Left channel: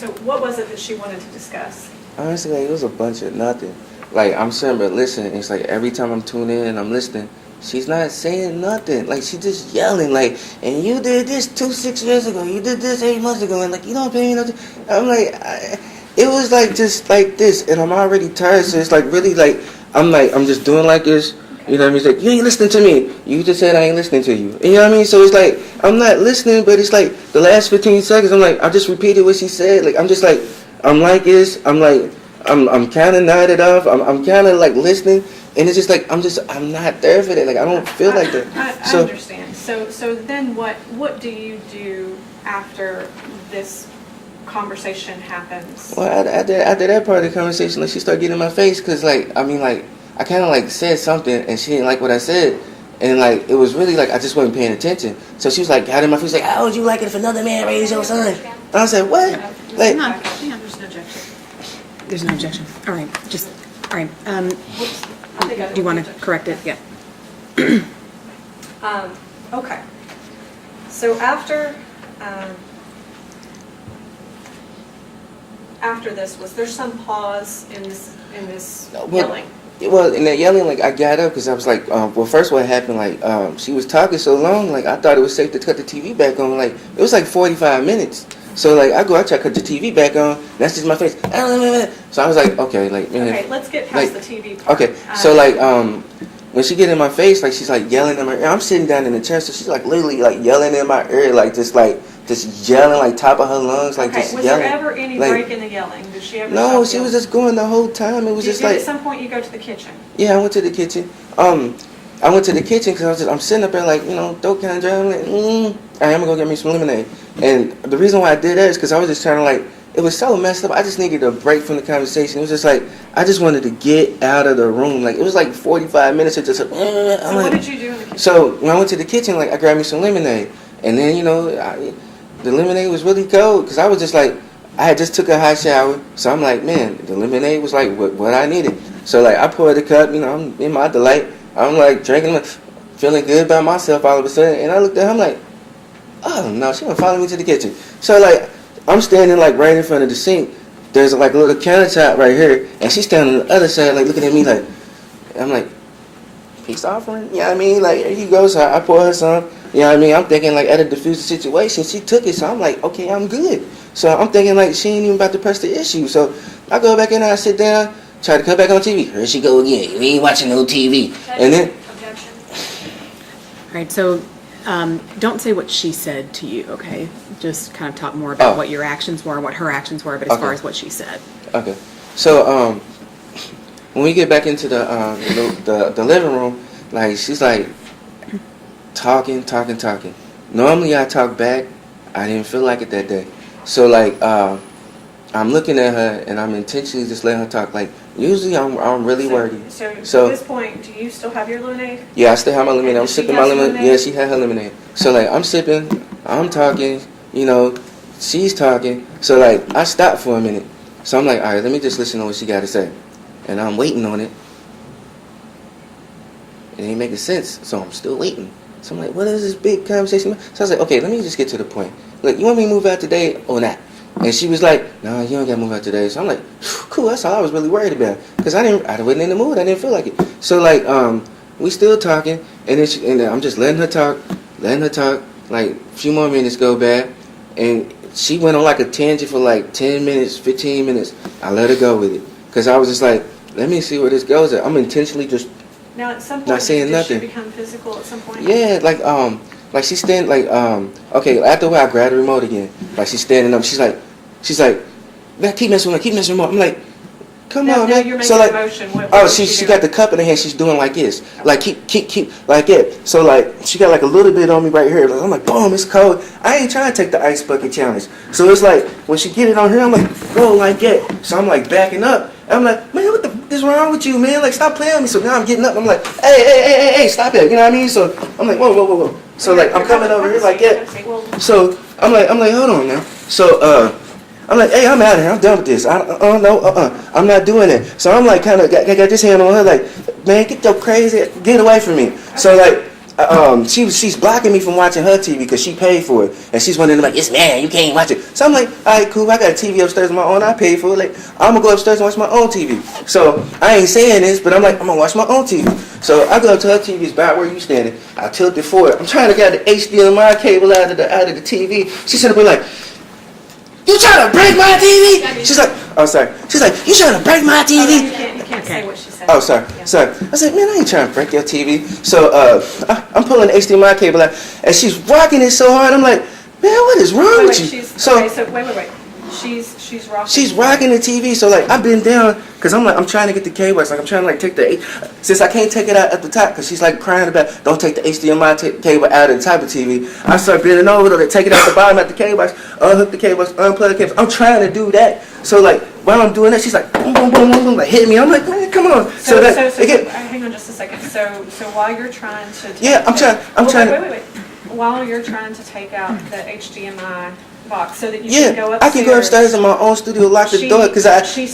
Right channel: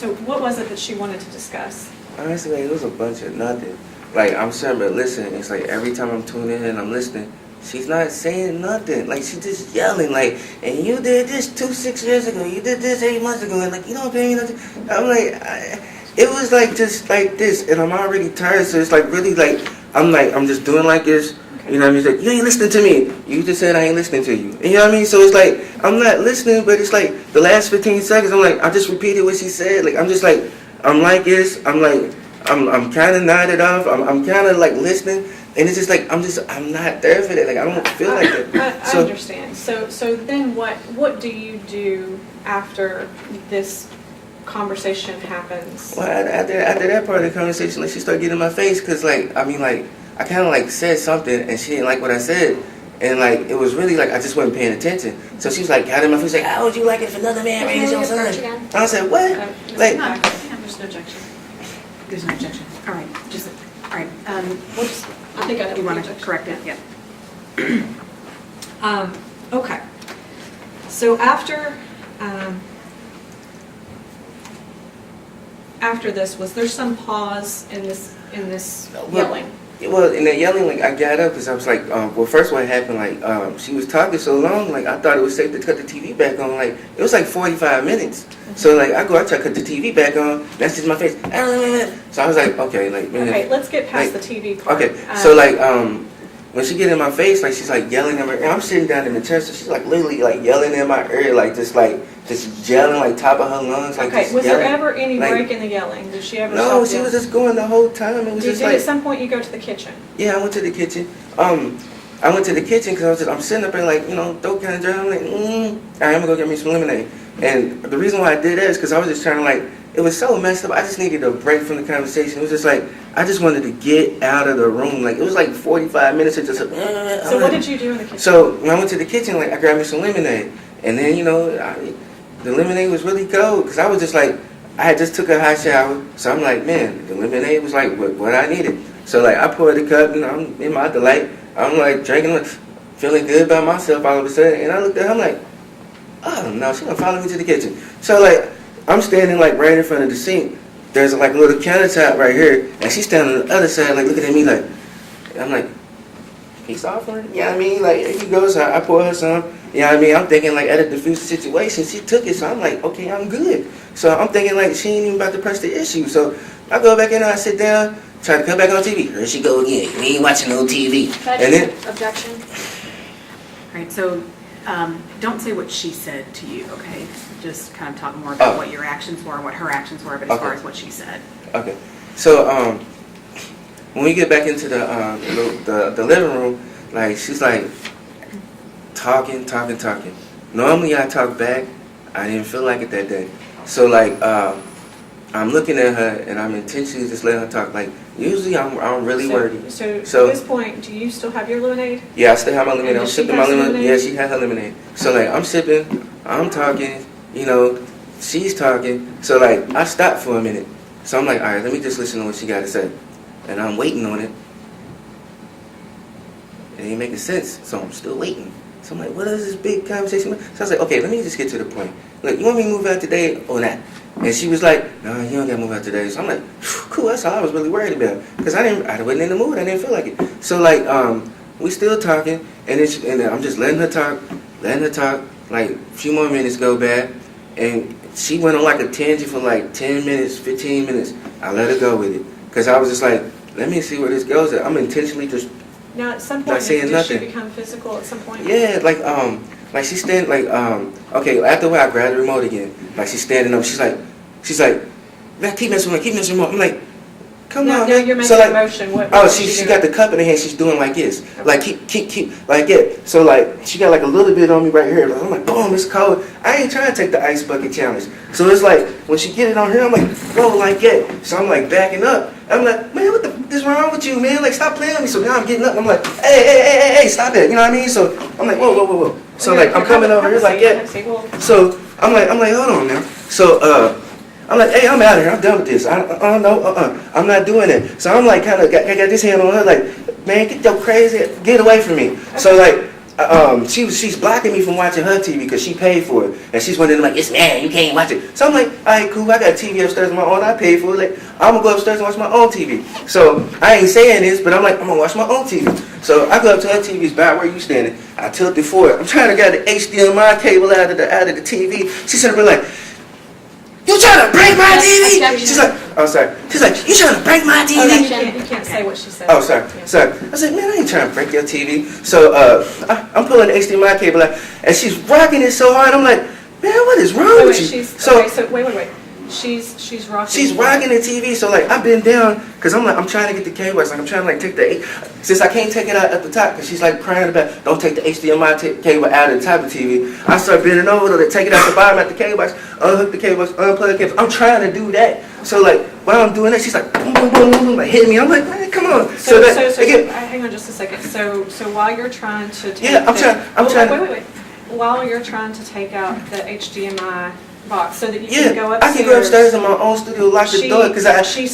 So what was it that she wanted to discuss? Honestly, like, it was a bunch of nothing. Like, I'm sitting there listening. It's like every time I'm tuning in and I'm listening, she's not saying nothing. Like, she's just yelling. Like, and you did this 6 years ago. You did this 8 months ago. And, like, you don't pay me nothing. I'm like, it was, like, just like this. And I'm already tired. So it's, like, really, like, I'm just doing like this. You know what I mean? It's like, you ain't listening to me. You just said I ain't listening to you. You know what I mean? So it's like, I'm not listening, but it's like the last 15 seconds, I'm like, I just repeated what she said. Like, I'm just like, I'm like this. I'm like, I'm kind of nodded off. I'm kind of like listening. And it's just like, I'm not there for that. Like, I don't feel like that. I understand. So then what do you do after this conversation happens? Well, after that part of the conversation, like, she started getting in my face because, like, I mean, like, I kind of, like, said something, and she didn't like what I said. And, like, it was really, like, I just wasn't paying attention. So she was, like, got in my face, like, how would you like it if another man raised your son? And I said, what? Like, No, there's no objection. There's no objection. All right, all right. Whoops. I think I You want to correct it? Yeah. Okay. So after this, was there some pause in this yelling? Well, in that yelling, like, I got up because I was like, well, first what happened, like, she was talking so long, like, I thought it was safe to cut the TV back on. Like, it was like 45 minutes. So, like, I try to cut the TV back on, that's just my face. So I was like, okay, like, man. Okay, let's get past like, the TV part. Okay, so, like, when she get in my face, like, she's, like, yelling in my ear. I'm sitting down in the chair, so she's, like, literally, like, yelling in my ear, like, just yelling, like, top of her lungs, like, okay, just was yelling. there ever any like, break in the yelling? Did she ever No, stop she was yelling? just going the whole time. It was just like... At some point you go to the kitchen? Yeah, I went to the kitchen. I went to the kitchen because I'm sitting up there like, you know, throat kind of dry. I'm like, all right, I'm going to go get me some lemonade. And the reason why I did that is because I was just trying to, like, it was so messed up. I just needed a break from the conversation. It was just like, I just wanted to get out of the room. Like, it was like 45 minutes of just... So what did you do in the kitchen? So when I went to the kitchen, like, I grabbed me some lemonade. And then, you know, the lemonade was really cold because I was just like, I had just took a hot shower. So I'm like, man, the lemonade was like what I needed. So, like, I poured the cup, you know, I'm in my delight. I'm, like, drinking, like, feeling good about myself all of a sudden. And I looked at her, I'm like, oh, no, she gonna follow me to the kitchen. So, like, I'm standing, like, right in front of the sink. There's, like, a little countertop right here. And she's standing on the other side, like, looking at me like, I'm like, peace offering? You know what I mean? Like, here you go. So I pour her some. You know what I mean? I'm thinking, like, at a diffuse situation, she took it. So I'm like, okay, I'm good. So I'm thinking, like, she ain't even about to press the issue. So I go back in and I sit down, try to cut back on TV. Here she go again. You ain't watching no TV. And then... Objection. All right, so don't say what she said to you, okay? Just kind of talk more about what your actions were and what her actions were, but as far as what she said. Okay. So when we get back into the living room, like, she's like talking. Normally I talk back. I didn't feel like it that day. So, like, I'm looking at her and I'm intentionally just letting her talk. Like, usually I'm really worried. So at this point, do you still have your lemonade? Yeah, I still have my lemonade. I'm Does she sipping have my some lemonade. lemonade? Yeah, she had her lemonade. So, like, I'm sipping, I'm talking, you know, she's talking. So, like, I stopped for a minute. So I'm like, all right, let me just listen to what she got to say. And I'm waiting on it. It ain't making sense, so I'm still waiting. So I'm like, what is this big conversation? So I was like, okay, let me just get to the point. Look, you want me to move out today or not? And she was like, no, you don't got to move out today. So I'm like, cool, that's all I was really worried about. Because I wasn't in the mood, I didn't feel like it. So, like, we still talking, and then I'm just letting her talk. Like, a few more minutes go by, and she went on like a tangent for like 10 minutes, 15 minutes. I let her go with it. Because I was just like, let me see where this goes. I'm intentionally just Now, at some point, not saying did nothing. she become physical at some point? Yeah, like she's standing, like, okay, after a while, I grabbed the remote again. Like, she's standing up. She's like, man, keep messing with me. I'm like, come Now on, man. you're making So, like, a motion. What she got the cup in her hand. She's doing like this. Like, keep, like that. So, like, she got, like, a little bit on me right here. Like, I'm like, boom, it's cold. I ain't trying to take the ice bucket challenge. So, it's like, when she get it on here, I'm like, whoa, like that. So, I'm, like, backing up. I'm like, man, what the is wrong with you, man? Like, stop playing with me. So, now I'm getting up. I'm like, hey, stop it. You know what I mean? So, I'm like, whoa. So, like, I'm coming over here like that. So, I'm like, hold on now. So, I'm like, hey, I'm out of here. I'm done with this. I'm not doing it. So I'm like, kind of got this hand on her, like, man, get your crazy, get away from me. So, like, she's blocking me from watching her TV because she paid for it, and she's one of them like, "Yes, man, you can't watch it." So I'm like, "All right, cool. I got a TV upstairs of my own. I paid for it. Like, I'm gonna go upstairs and watch my own TV." So I ain't saying this, but I'm like, I'm gonna watch my own TV. So I go up to her TV, it's about where you standing. I tilt it forward. I'm trying to get the HDMI cable out of the TV. She's trying to be like, "You trying to break my TV?" She's like, "Oh, sorry." She's like, "You trying to break my Oh, TV?" you can't say what she said. Oh, sorry, Yeah. sorry. I said, "Man, I ain't trying to break your TV." So I'm pulling the HDMI cable out, and she's rocking it so hard. I'm like, "Man, what is wrong Wait, with you?" wait. She's rocking. She's rocking the TV. So like, I've been down because I'm trying to get the cable. It's like I'm trying to like take since I can't take it out at the top because she's like crying about don't take the HDMI cable out of the top of the TV. I start bending over to take it out the bottom at the cable. I unhook the cable, unplug the cable. I'm trying to do that. So like while I'm doing that, she's like boom, boom, boom, boom, boom, like hitting me. I'm like, "Man, come on." Hang on just a second. So while you're trying to take Wait. While you're trying to take out the HDMI box so that you can go upstairs. I can go upstairs in my own studio, lock the door, because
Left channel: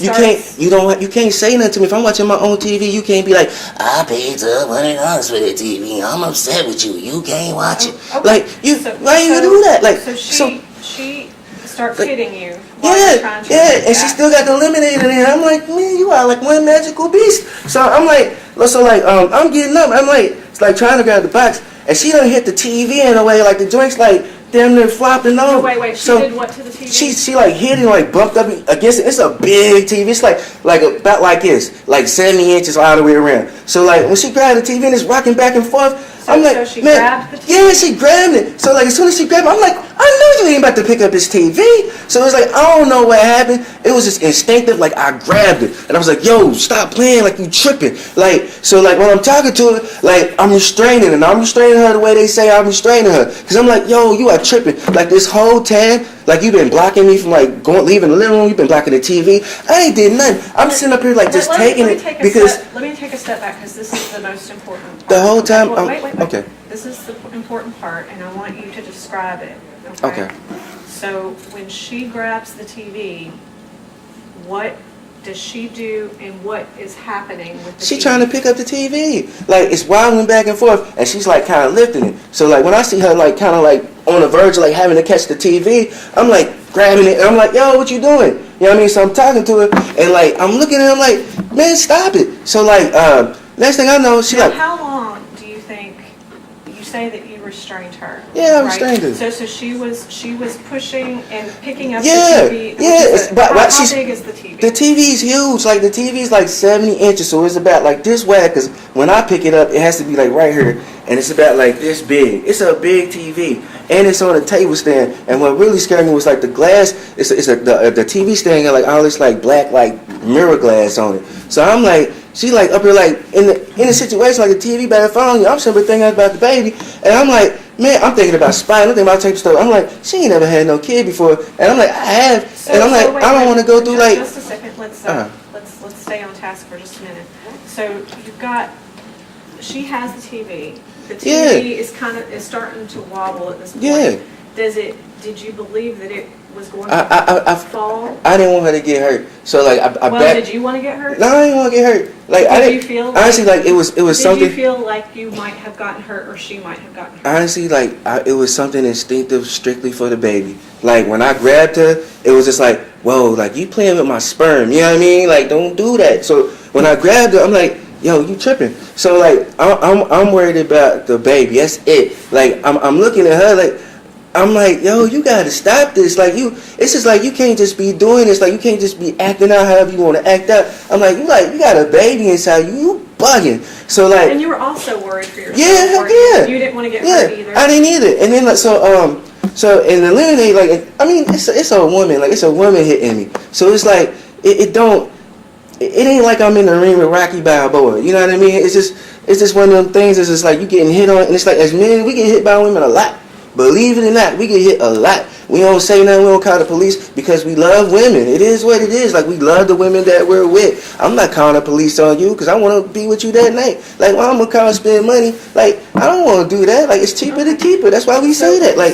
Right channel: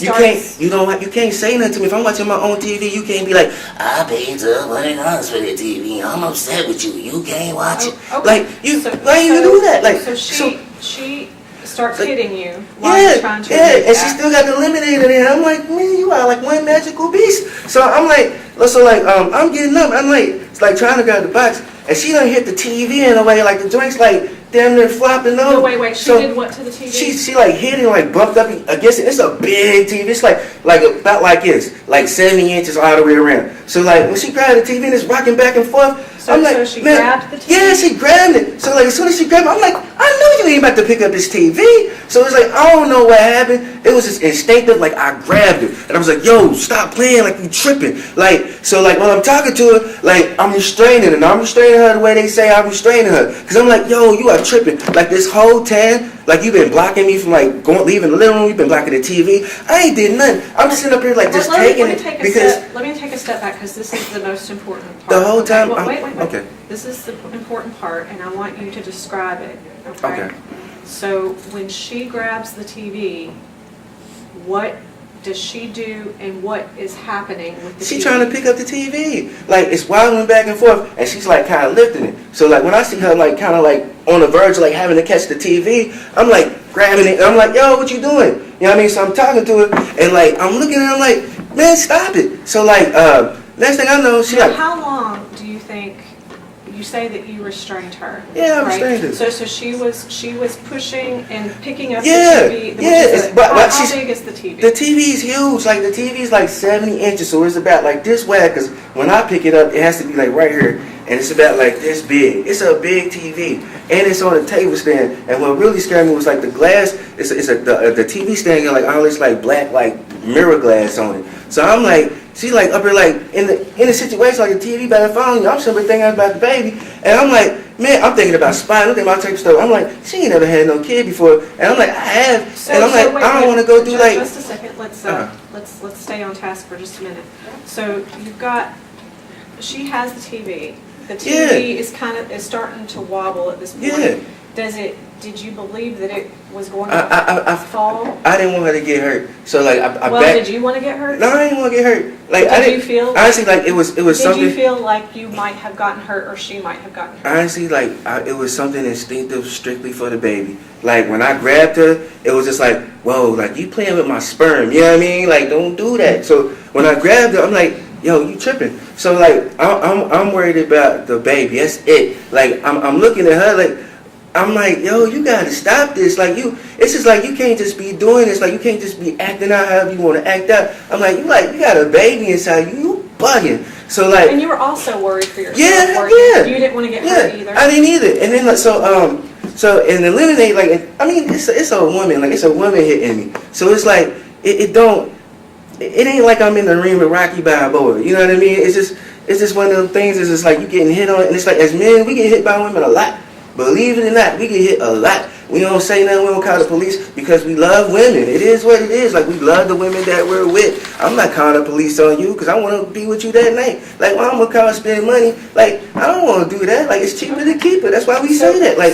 you can't say nothing to me. If I'm watching my own TV, you can't be like, "I paid $100 for the TV. I'm upset with you. You can't watch it." Okay. Like why you do that? Like she starts hitting you while you're trying to and she still got the eliminator in there. I'm like, "Man, you are like one magical beast." So I'm like, I'm getting up. I'm like, it's like trying to grab the box, and she done hit the TV in a way like the joints like damn near flopping over. No, wait. She did what to the TV? She like hit it, like bumped up against it. It's a big TV. It's like about like this, like 70 inches all the way around. So like when she grabbed the TV and it's rocking back and forth, I'm like, so she "Man, grabbed the TV? Yeah, she grabbed it. So like as soon as she grabbed it, I'm like, "I know you ain't about to pick up this TV." So it was like, I don't know what happened. It was just instinctive. Like I grabbed it and I was like, "Yo, stop playing, like you tripping." Like so like when I'm talking to her, like I'm restraining her. And I'm restraining her the way they say I'm restraining her. Cause I'm like, "Yo, you are tripping. Like this whole time, like you've been blocking me from like leaving the living room. You've been blocking the TV. I ain't did nothing. I'm just sitting up here like just taking it because." Let me take a step back because this is the most important part. The whole time. Wait. Okay. This is the important part, and I want you to describe it. Okay. So when she grabs the TV, what does she do, and what is happening with the TV? She trying to pick up the TV. Like it's wobbling back and forth, and she's like kind of lifting it. So like when I see her like kind of like on the verge of like having to catch the TV, I'm like grabbing it. And I'm like, "Yo, what you doing?" You know what I mean? So I'm talking to her, and like I'm looking at her, I'm like, "Man, stop it." So like next thing I know, she Now, like. how long do you think? You say that you restrained her. Yeah, I right? restrained her. So she was pushing and picking up Yeah, the TV. yeah. But How big is the TV? The TV is huge. Like the TV is like 70 inches, so it's about like this wide. Cause when I pick it up, it has to be like right here, and it's about like this big. It's a big TV, and it's on a table stand. And what really scared me was like the glass. The TV stand got like all this like black like mirror glass on it. So I'm like, she like up here like in the situation like the TV better phone you. I'm simply thinking about the baby, and I'm like, man, I'm thinking about spying. I'm thinking about type stuff. I'm like, she ain't never had no kid before, and I'm like, I have, and I'm like, wait, I don't want to go through like. Just a second. Let's stay on task for just a minute. So you've got. She has the TV. The TV is starting to wobble at this point. Yeah. Did you believe that it was going to fall? I didn't want her to get hurt, so like did you want to get hurt? No, I didn't want to get hurt. Like I didn't. Feel honestly, like it was something. Did you feel like you might have gotten hurt, or she might have gotten hurt? Honestly, like it was something instinctive, strictly for the baby. Like when I grabbed her, it was just like, "Whoa, like you playing with my sperm." You know what I mean? Like don't do that. So when I grabbed her, I'm like, "Yo, you tripping?" So like I'm worried about the baby. That's it. Like I'm looking at her like. I'm like, "Yo, you gotta stop this. Like it's just like you can't just be doing this. Like you can't just be acting out however you want to act out." I'm like, you got a baby inside you bugging. So like, and you were also worried for yourself. Yeah. You didn't want to get hurt either. I didn't either. And then like so in the eliminate, like I mean, it's a woman. Like it's a woman hitting me. So it's like it ain't like I'm in the ring with Rocky Balboa. You know what I mean? It's just one of them things. It's just like you getting hit on, and it's like as men we get hit by women a lot. Believe it or not, we get hit a lot. We don't say nothing, we don't call the police because we love women. It is what it is. Like, we love the women that we're with. I'm not calling the police on you because I want to be with you that night. Like, well, I'm going to call and spend money. Like, I don't want to do that. Like, it's cheaper to keep her. That's why we say that. Like,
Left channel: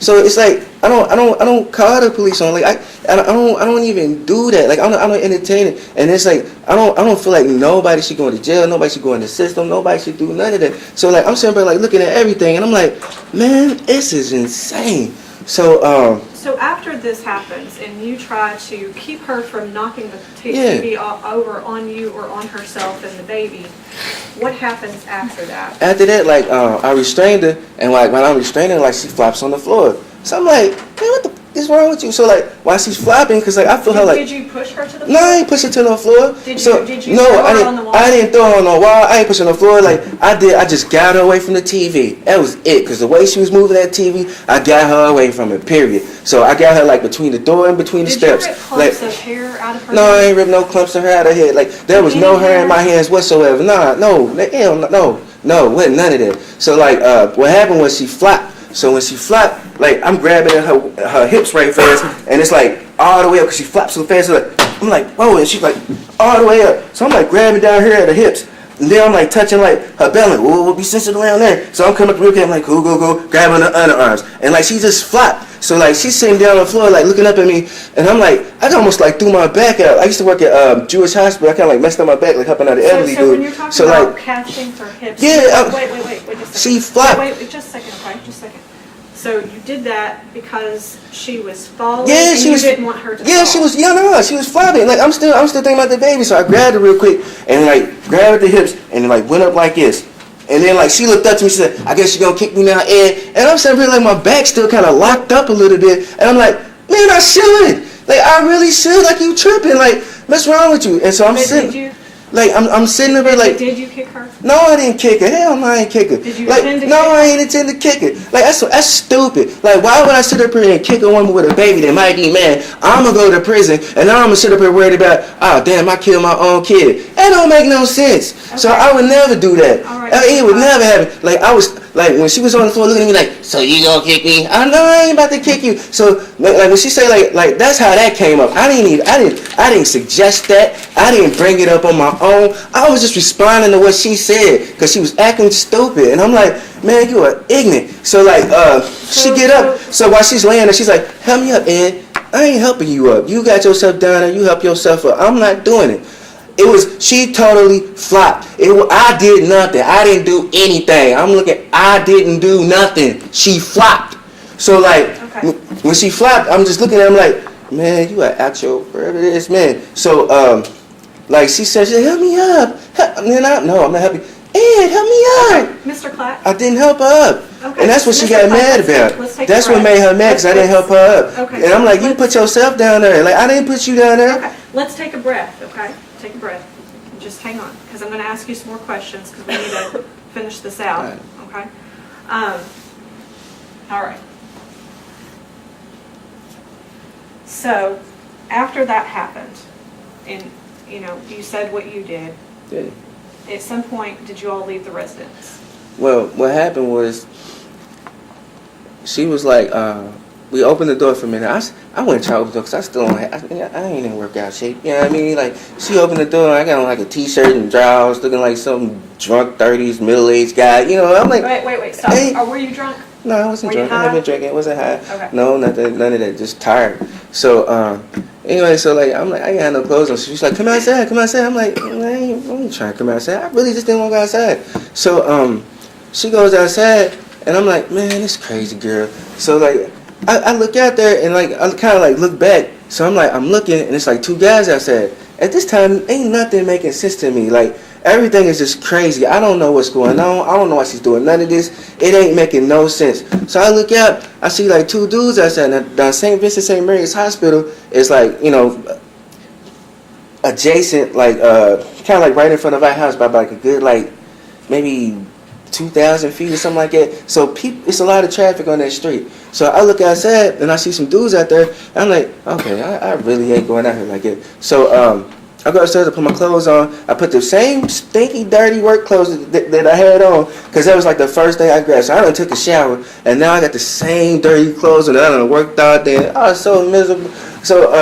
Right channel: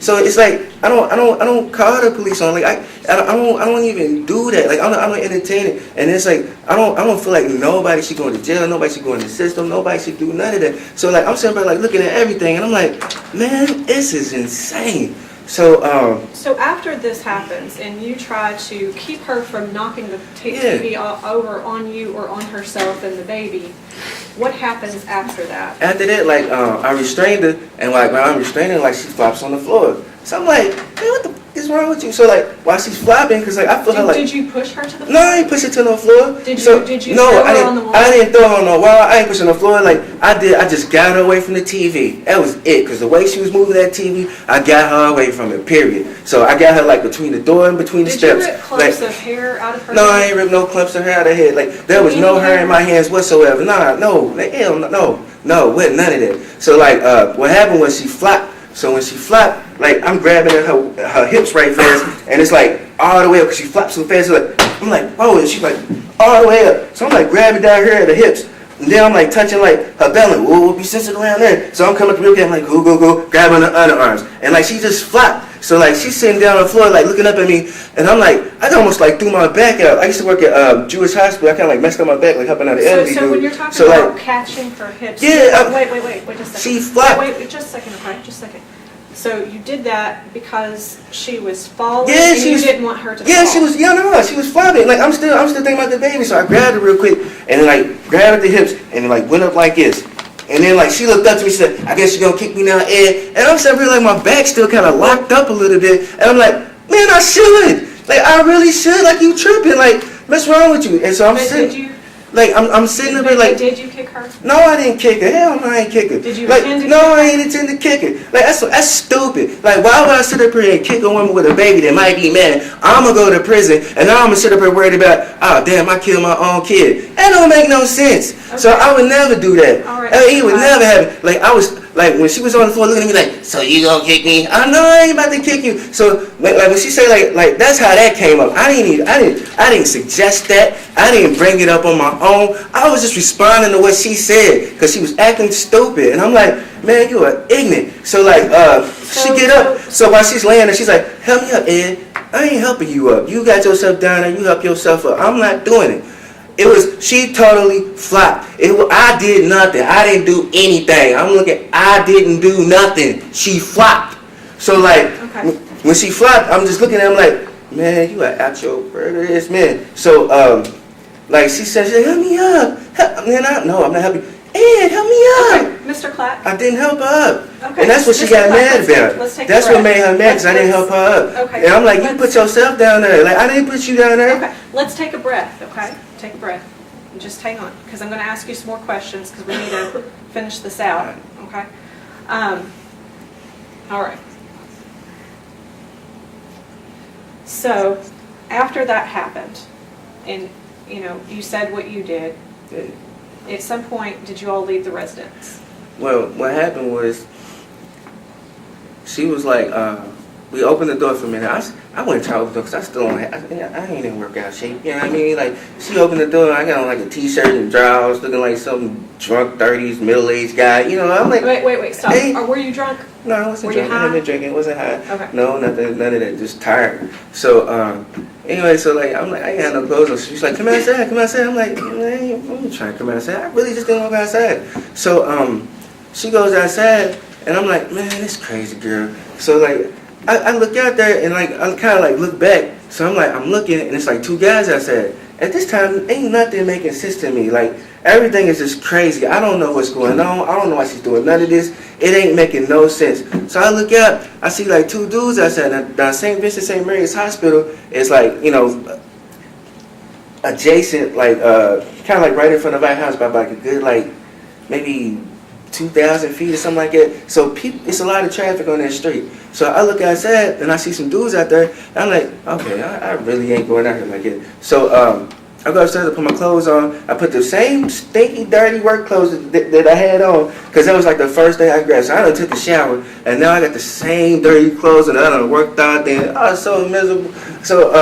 so it's like, I don't call the police on. Like I don't even do that. Like I don't entertain it. And it's like I don't feel like nobody should go to jail. Nobody should go in the system. Nobody should do none of that. So like I'm sitting there like looking at everything, and I'm like, man, this is insane. So So after this happens, and you try to keep her from knocking the TV over on you or on herself and the baby, what happens after that? After that, like I restrained her, and like when I'm restraining her, like she flops on the floor. So I'm like, man, what the is wrong with you? So like while she's flopping, because like I feel her like. Did you push her to the floor? No, I ain't push her to no floor. Did you no, throw her on the wall? I didn't throw her on the wall. I ain't push her on the floor. Like I just got her away from the TV. That was it. Because the way she was moving that TV, I got her away from it. Period. So I got her like between the door and between the steps. Did you rip clumps of hair out of her No, head? I ain't ripped no clumps of hair out of her head. Like there was no hair in my hands whatsoever. Nah, no, hell no, wasn't none of that. So like what happened was she flopped. So when she flopped, like I'm grabbing at her hips right fast, and it's like all the way up because she flops so fast. Like, I'm like, whoa, and she's like all the way up. So I'm like grabbing down here at the hips, and then I'm like touching like her belly. We'll be sensitive around there. So I'm coming up to look at, I'm like, go, grabbing her underarms, and like she just flopped. So like she's sitting down on the floor, like looking up at me, and I'm like, I almost like threw my back out. I used to work at Jewish hospital. I kind of like messed up my back, like helping out the elderly dude. So when you're talking so about like, catching her hips, yeah, wait, just a second. She flopped. Wait, just a second, okay, just a second. So you did that because she was falling, yeah, and she you was, didn't want her to yeah, fall. she was, yeah, no, she was flopping. Like I'm still thinking about the baby, so I grabbed her real quick and like grabbed at the hips and like went up like this. And then like she looked up to me, she said, I guess you're gonna kick me now, Ed. And I'm sitting here like my back still kind of locked up a little bit. And I'm like, man, I should. Like I really should. Like you tripping. Like what's wrong with you? And so I'm sitting. Like I'm sitting there like. Did you kick her? No, I didn't kick her. Hell no, I ain't kick her. Did you like, intend to no, kick her? I ain't intend to kick her. Like that's stupid. Like why would I sit up here and kick a woman with a baby that might be mad? I'm gonna go to prison and now I'm gonna sit up here worried about, oh damn, I killed my own kid. That don't make no sense. Okay. So I would never do that. All right, it would never happen. Like I was like when she was on the floor looking at me like, so you gonna kick me? I know I ain't about to kick you. So like when she said like that's how that came up. I didn't suggest that. I didn't bring it up on my own. I was just responding to what she said because she was acting stupid. And I'm like, man, you are ignorant. So like she get up. So while she's laying there, she's like, help me up, Ed. I ain't helping you up. You got yourself down there. You help yourself up. I'm not doing it. She totally flopped. I did nothing. I didn't do anything. I didn't do nothing. She flopped. So like, when she flopped, I'm just looking at him like, man, you are out your burgers, man. So like she said, help me up. No, I'm not helping. Ed, help me up. Okay, Mr. Clack. I didn't help her up. Okay. And that's what she got mad about. That's what made her mad because I didn't help her up. Okay. And I'm like, you put yourself down there. Like, I didn't put you down there. Okay, let's take a breath, okay? Take a breath. Just hang on, because I'm going to ask you some more questions because we need to finish this out, okay? All right. So, after that happened, and, you said what you did, Yeah. At some point, did you all leave the residence? Well, what happened was, she was like, we opened the door for a minute. I wouldn't try to open the door because I still don't I ain't in workout shape. You know what I mean? Like, she opened the door, I got on like a t-shirt and drawers, looking like some drunk 30s, middle-aged guy. You know, I'm like... Wait, stop. Hey. Or were you drunk? No, I wasn't drunk. I haven't drinking. It wasn't high. Okay. No, nothing, none of that. Just tired. So, anyway, so like, I'm like, I ain't had no clothes on. So she's like, come outside. I'm like, I ain't trying to come outside. I really just didn't want to go outside. So, she goes outside, and I'm like, man, this crazy girl. So like, I look out there, and like, I kind of like look back. So I'm like, I'm looking, and it's like two guys outside. At this time, ain't nothing making sense to me. Like, everything is just crazy. I don't know what's going on. I don't know why she's doing none of this. It ain't making no sense. So I look out. I see like two dudes outside. Now St. Vincent St. Mary's Hospital is like, adjacent, like kind of like right in front of our house by like a good like maybe 2,000 feet or something like that. So it's a lot of traffic on that street. So I look outside and I see some dudes out there. And I'm like, okay, I really ain't going out here like that. So I go upstairs, I put my clothes on. I put the same stinky, dirty work clothes that I had on because that was like the first day I grabbed. So I done took a shower, and now I got the same dirty clothes, and I done worked out there. I was so miserable. So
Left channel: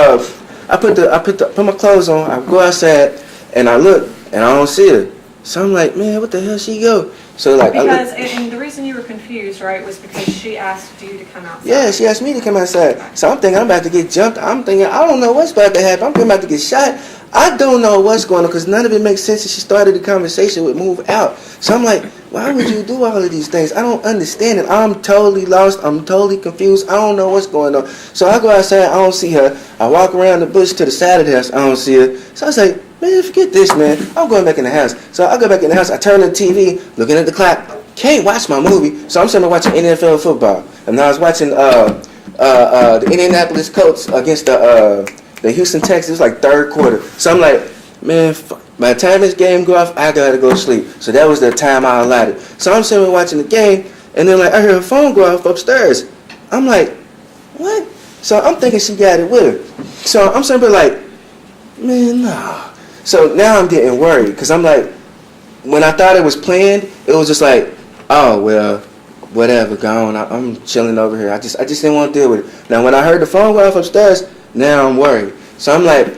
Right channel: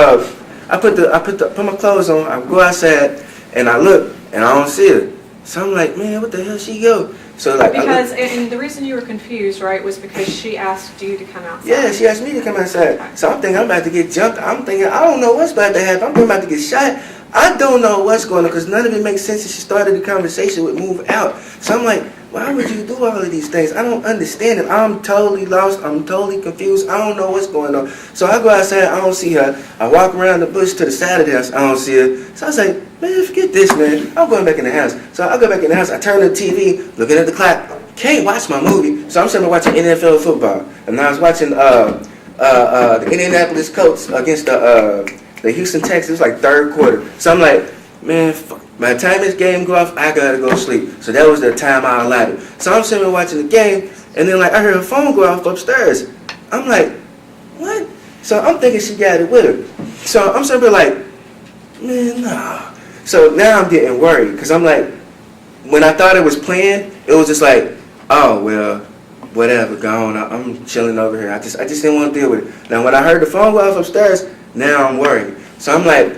I put my clothes on. I go outside, and I look, and I don't see her. So I'm like, man, what the hell she go? So like, because and the reason you were confused, right, was because she asked you to come outside. Yeah, she asked me to come outside. Okay. So I'm thinking I'm about to get jumped. I'm thinking I don't know what's about to happen. I'm about to get shot. I don't know what's going on because none of it makes sense. And she started the conversation with move out. So I'm like, why would you do all of these things? I don't understand it. I'm totally lost. I'm totally confused. I don't know what's going on. So I go outside. I don't see her. I walk around the bush to the side of the house. I don't see her. So I was like, man, forget this, man. I'm going back in the house. So I go back in the house. I turn on the TV, looking at the clock. Can't watch my movie. So I'm sitting there watching NFL football. And I was watching the Indianapolis Colts against the Houston Texans, like third quarter. So I'm like, man, by the time this game go off, I gotta go to sleep. So that was the time I allotted. So I'm sitting there watching the game, and then like I heard her phone go off upstairs. I'm like, what? So I'm thinking she got it with her. So I'm sitting there like, man, nah. So now I'm getting worried because I'm like, when I thought it was planned, it was just like, oh well, whatever, go on. I'm chilling over here. I just didn't want to deal with it. Now when I heard the phone go off upstairs, now I'm worried. So I'm like,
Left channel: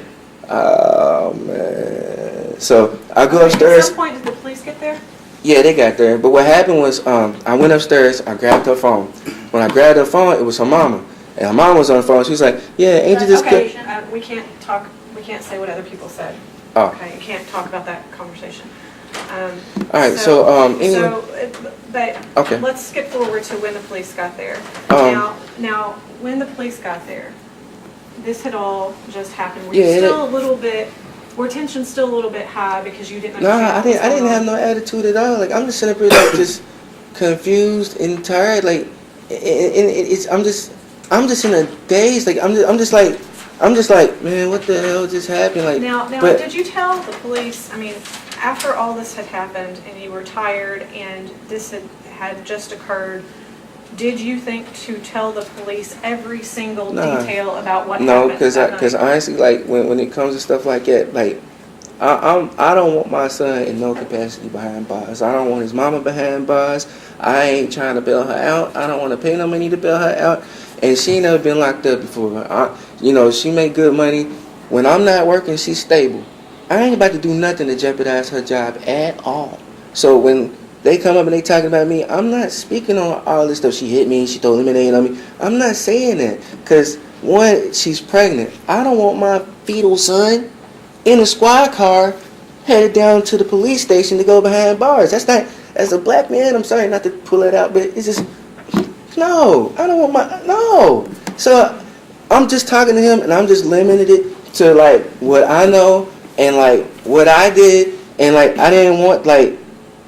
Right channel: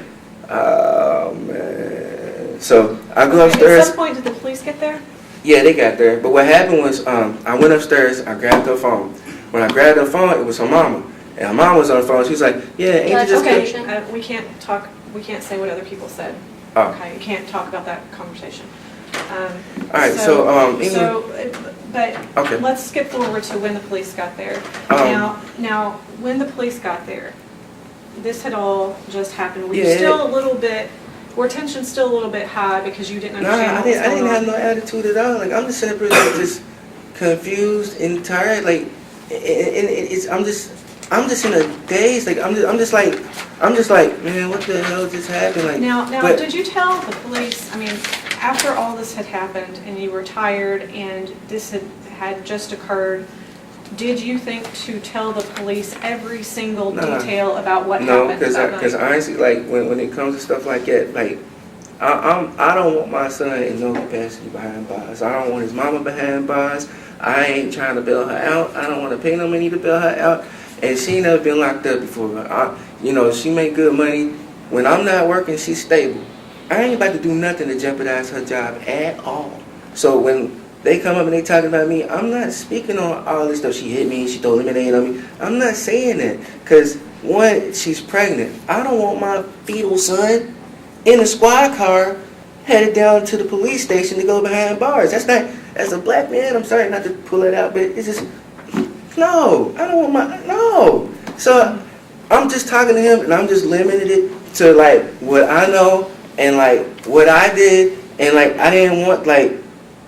oh man. So I go upstairs. At some point, did the police get there? Yeah, they got there. But what happened was, I went upstairs. I grabbed her phone. When I grabbed her phone, it was her mama, and her mom was on the phone. She was like, "Yeah, Angel just okay. We can't talk. We can't say what other people said. Oh. Okay, you can't talk about that conversation." All right. So but okay. Let's skip forward to when the police got there. Now, when the police got there, this had all just happened. Were you still a little bit? Were tensions still a little bit high because you didn't understand? Nah, I didn't have no attitude at all. Like I'm just sitting up here like just confused and tired. Like, I'm just in a daze. Like I'm just like, man, what the hell just happened? Like now, did you tell the police? I mean, after all this had happened and you were tired and this had just occurred, did you think to tell the police every single detail about what happened? No, because honestly, like when it comes to stuff like that, like I don't want my son in no capacity behind bars. I don't want his mama behind bars. I ain't trying to bail her out. I don't want to pay no money to bail her out. And she ain't never been locked up before. She make good money. When I'm not working, she's stable. I ain't about to do nothing to jeopardize her job at all. So when they come up and they talking about me, I'm not speaking on all this stuff. She hit me, she threw lemonade on me. I'm not saying that. Because, one, she's pregnant. I don't want my fetal son in a squad car headed down to the police station to go behind bars. That's not, as a black man, I'm sorry not to pull it out, but it's just, no, I don't want no. So I'm just talking to him and I'm just limited it to like what I know and like what I did, and like I didn't want like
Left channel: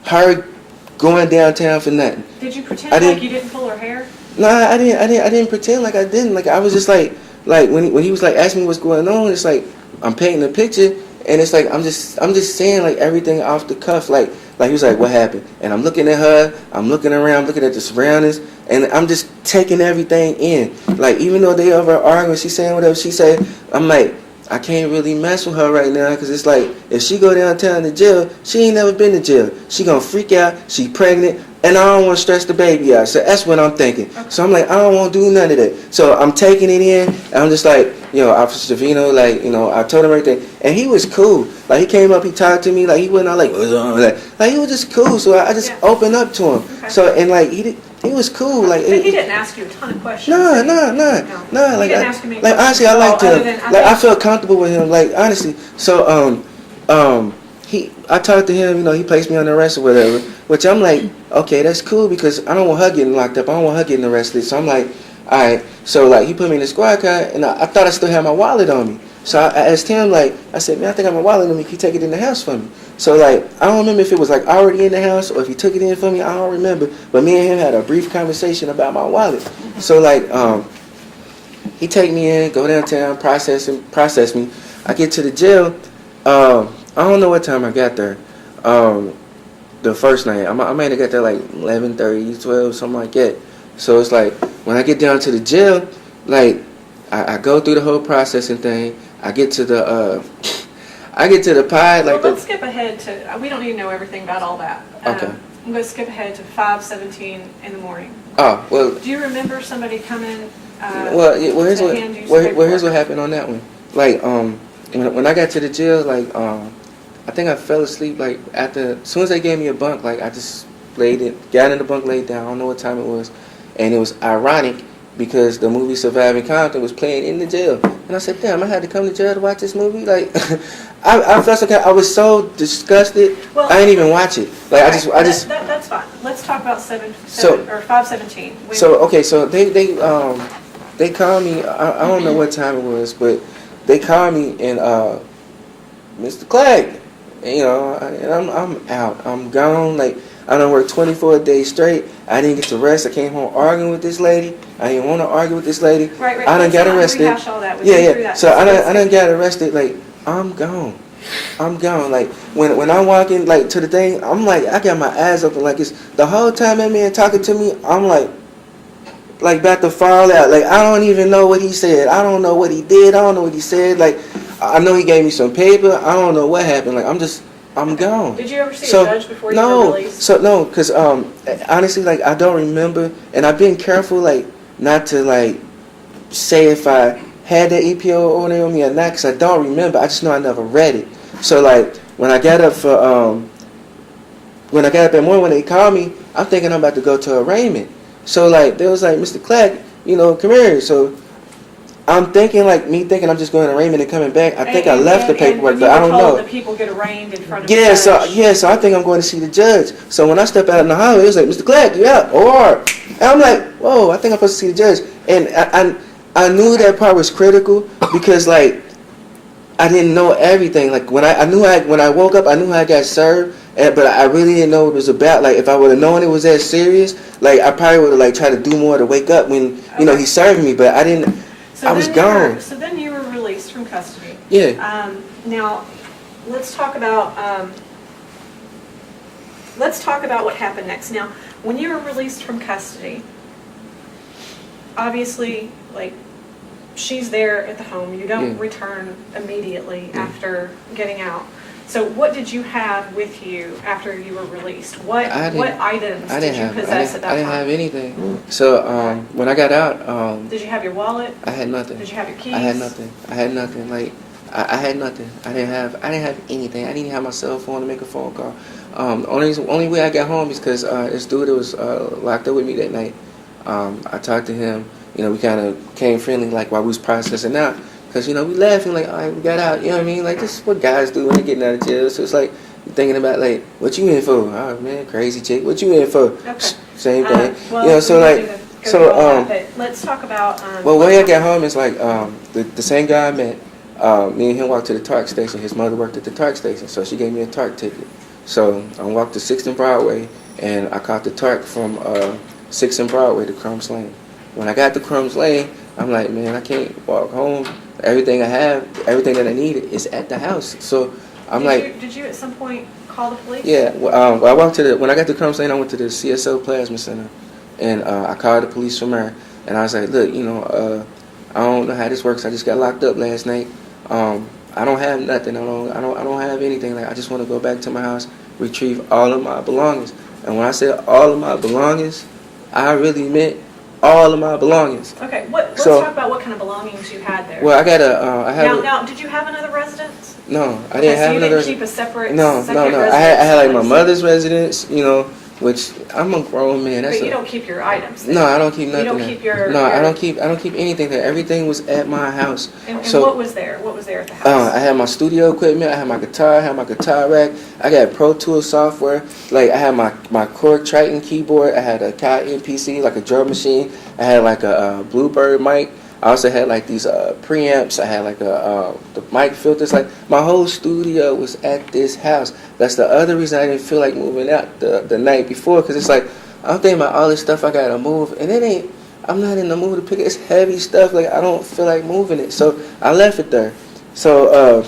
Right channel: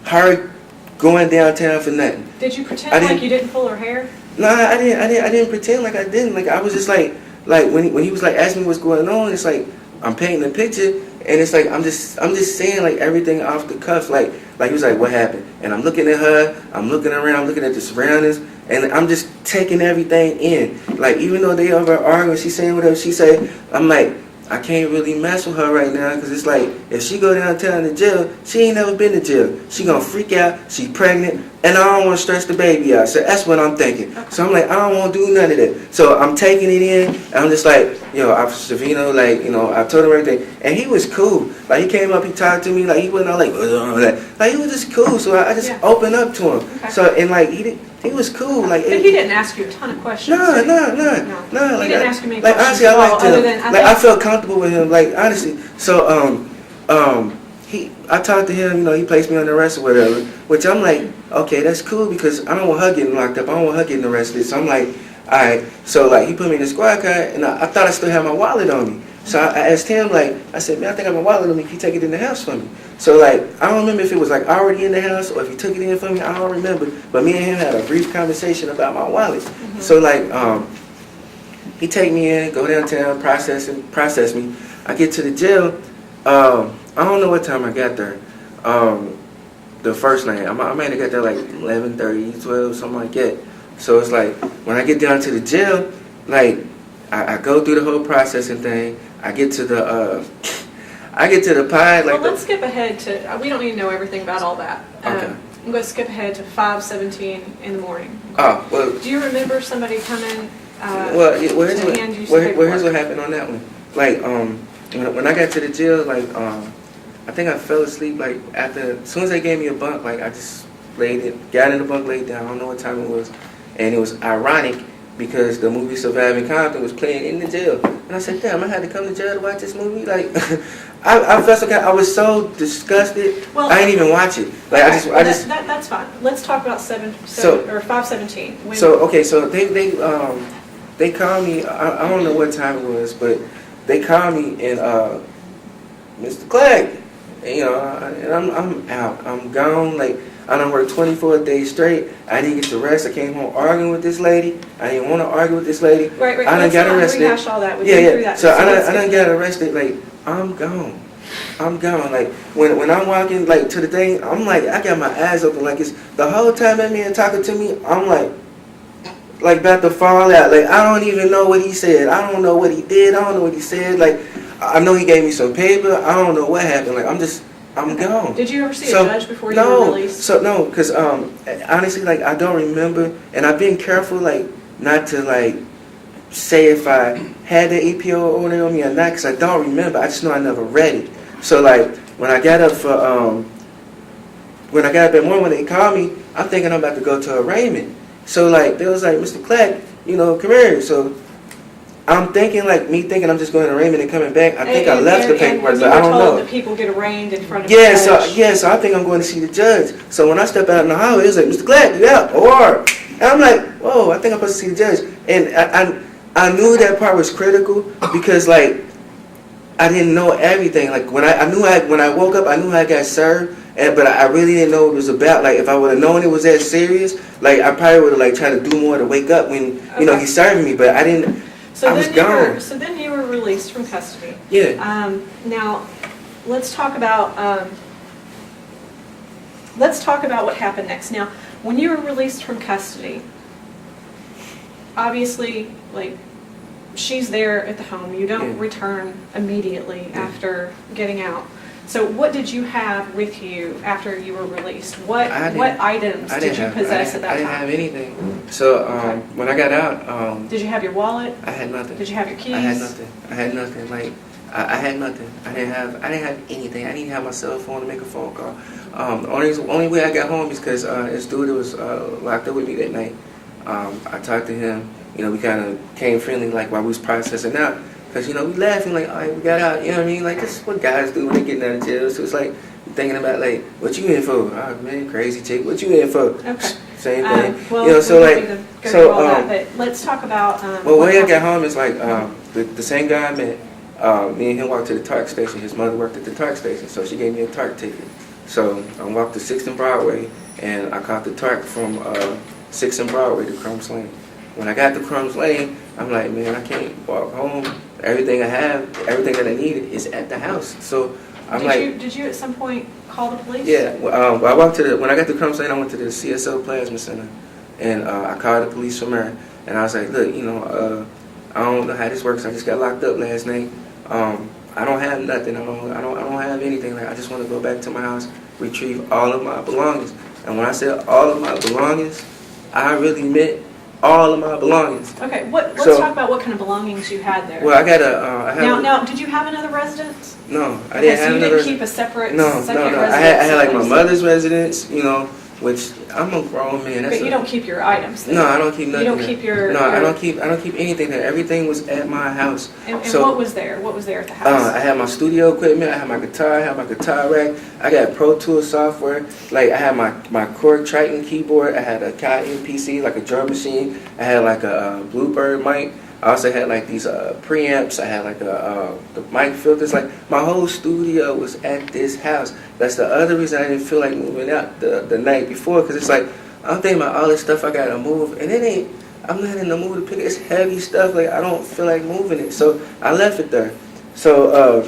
her going downtown for nothing. Did you pretend like you didn't pull her hair? Nah, I didn't pretend like I didn't. Like I was just like when he was like asking me what's going on, it's like I'm painting a picture, and it's like I'm just saying like everything off the cuff. Like he was like, what happened? And I'm looking at her, I'm looking around, looking at the surroundings, and I'm just taking everything in. Like even though they over arguing, she's saying whatever she said, I'm like, I can't really mess with her right now because it's like if she go downtown to jail, she ain't never been to jail. She gonna freak out. She pregnant, and I don't want to stress the baby out. So that's what I'm thinking. Okay. So I'm like, I don't want to do none of that. So I'm taking it in, and I'm just like, Officer Savino, like, I told him everything, and he was cool. Like he came up, he talked to me, like he wasn't all like he was just cool. So I just opened up to him. Okay. So and like he was cool. Like but he didn't ask you a ton of questions. No. Like he didn't ask you many questions. Like honestly, I liked him. I felt comfortable with him. Like honestly, so I talked to him. He placed me on the arrest or whatever. Which I'm like, okay, that's cool because I don't want her getting locked up. I don't want her getting arrested. So I'm like, all right. So like he put me in the squad car, and I thought I still had my wallet on me. So I asked him, like, I said, man, I think I have my wallet on me. Can you take it in the house for me? So, like, I don't remember if it was, like, already in the house or if he took it in for me. I don't remember. But me and him had a brief conversation about my wallet. Mm-hmm. So, like, he take me in, go downtown, process me. I get to the jail. I don't know what time I got there. The first night. I might have got there, like, 11:30, 12, something like that. So, it's like, when I get down to the jail, like, I go through the whole processing thing. I get to the pod. Well, let's skip ahead to. We don't need to know everything about all that. Okay. I'm going to skip ahead to 5:17 in the morning. Oh well. Do you remember somebody coming? Here's what happened on that one. Like when I got to the jail, like I think I fell asleep. Like as soon as they gave me a bunk, like I just got in the bunk, laid down. I don't know what time it was, and it was ironic because the movie Surviving Compton was playing in the jail, and I said, "Damn, I had to come to jail to watch this movie." Like, I felt like I was so disgusted. Well, I didn't even watch it. Like, I just. That's fine. Let's talk about 517. So they called me. I don't know what time it was, but they called me and Mr. Clegg, and I'm out. I'm gone. Like, I done worked 24 days straight. I didn't get to rest. I came home arguing with this lady. I didn't want to argue with this lady. Right. I done got arrested. Rehash all that. Yeah. So I done got arrested. Like, I'm gone. Like, when I'm walking, like, to the thing, I'm like, I got my eyes open. Like, it's the whole time that man talking to me, I'm like about to fall out. Like, I don't even know what he said. I don't know what he did. I don't know what he said. Like, I know he gave me some paper. I don't know what happened. Like, I'm gone. Did you ever see a judge before you were released? No, because honestly, like, I don't remember, and I've been careful, like, not to, like, say if I had the EPO order on me or not, because I don't remember. I just know I never read it. So, like, when I got up at morning when they called me, I'm thinking I'm about to go to arraignment. So, like, they was like, Mr. Clegg, come here. So I'm thinking I'm just going to arraignment and coming back. I think I left the paperwork, but I don't know. That people get arraigned in front of the judge. So I think I'm going to see the judge. So when I step out in the hallway, it was like, Mr. Clegg, you out? OR. And I'm like, whoa, I think I'm supposed to see the judge. And I knew that part was critical because, like, I didn't know everything. Like, when I woke up, I knew I got served. But I really didn't know what it was about. Like, if I would have known it was that serious, like, I probably would have, like, tried to do more to wake up when, he served me. But I didn't. I was gone. So then you were released from custody. Yeah. Now, let's talk about what happened next. Now, when you were released from custody, obviously, like, she's there at the home. You don't return immediately after getting out. So what did you have with you after you were released? What items did you possess at that time? I didn't have anything. So when I got out... did you have your wallet? I had nothing. Did you have your keys? I had nothing. Like, I had nothing. I didn't have anything. I didn't have my cell phone to make a phone call. The only way I got home is because this dude that was locked up with me that night, I talked to him. We kind of came friendly, like, while we was processing out. Because, we laughing, like, all right, we got out, you know what I mean? Like, this is what guys do when they getting out of jail. So it's like, thinking about, like, what you in for? Oh, man, crazy chick. What you in for? Okay. Same thing. Well, so, like, but let's talk about... well, when I got home, it's like, the same guy I met, me and him walked to the TARC station. His mother worked at the TARC station, so she gave me a TARC ticket. So I walked to 6th and Broadway, and I caught the TARC from 6th and Broadway to Crumbs Lane. When I got to Crumbs Lane, I'm like, man, I can't walk home. Everything I have, everything that I needed is at the house. So I'm did you at some point call the police? Yeah. Well, I walked when I got to Crumbs Lane, I went to the CSO Plasma Center, and I called the police from there. And I was like, look, I don't know how this works. I just got locked up last night. I don't have nothing. I don't have anything. Like, I just want to go back to my house, retrieve all of my belongings. And when I said all of my belongings, I really meant all of my belongings. Okay, let's talk about what kind of belongings you had there. Well, I got Now, did you have another residence? No, I didn't have another. You didn't keep a separate. No. Residence I had like my mother's residence, which I'm a grown man. But you don't keep your items there. No, I don't keep nothing. You don't keep your. No, I don't keep anything there. Everything was at my house. And what was there? What was there at the house? I had my studio equipment. I had my guitar. I had my guitar rack. I got Pro Tools software. Like, I had my Korg Triton keyboard. I had a Kai PC, like a drum machine. I had like a Bluebird mic. I also had like these preamps. I had like the mic filters. Like, my whole studio was at this house. That's the other reason I didn't feel like moving out the night before, because it's like, I'm thinking about all this stuff I gotta move, and I'm not in the mood to pick it. It's heavy stuff. Like, I don't feel like moving it, so I left it there. So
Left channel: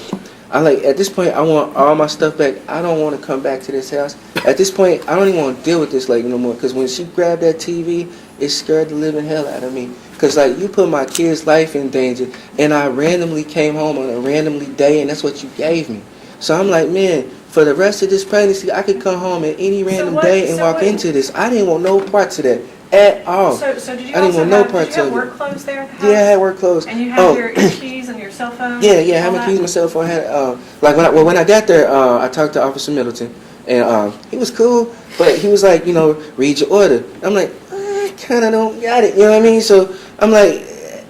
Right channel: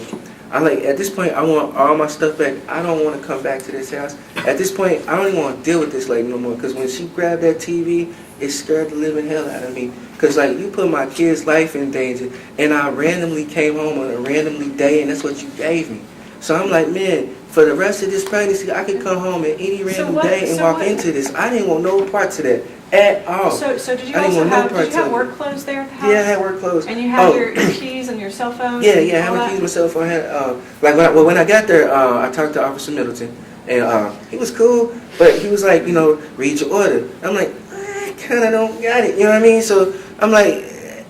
at this point, I want all my stuff back. I don't want to come back to this house. At this point, I don't even want to deal with this lady no more, because when she grabbed that TV, it scared the living hell out of me. Because, like, you put my kid's life in danger, and I randomly came home on a randomly day, and that's what you gave me. So I'm like, man, for the rest of this pregnancy, I could come home at any random day and walk into this. I didn't want no parts of that at all. So did you also have work clothes there at the house? Yeah, I had work clothes. And you had your keys and your cell phone? Yeah, I had my keys, my cell phone. I had, when I got there, I talked to Officer Middleton, and he was cool, but he was like, read your order. I'm like, I kind of don't got it, you know what I mean? So I'm like,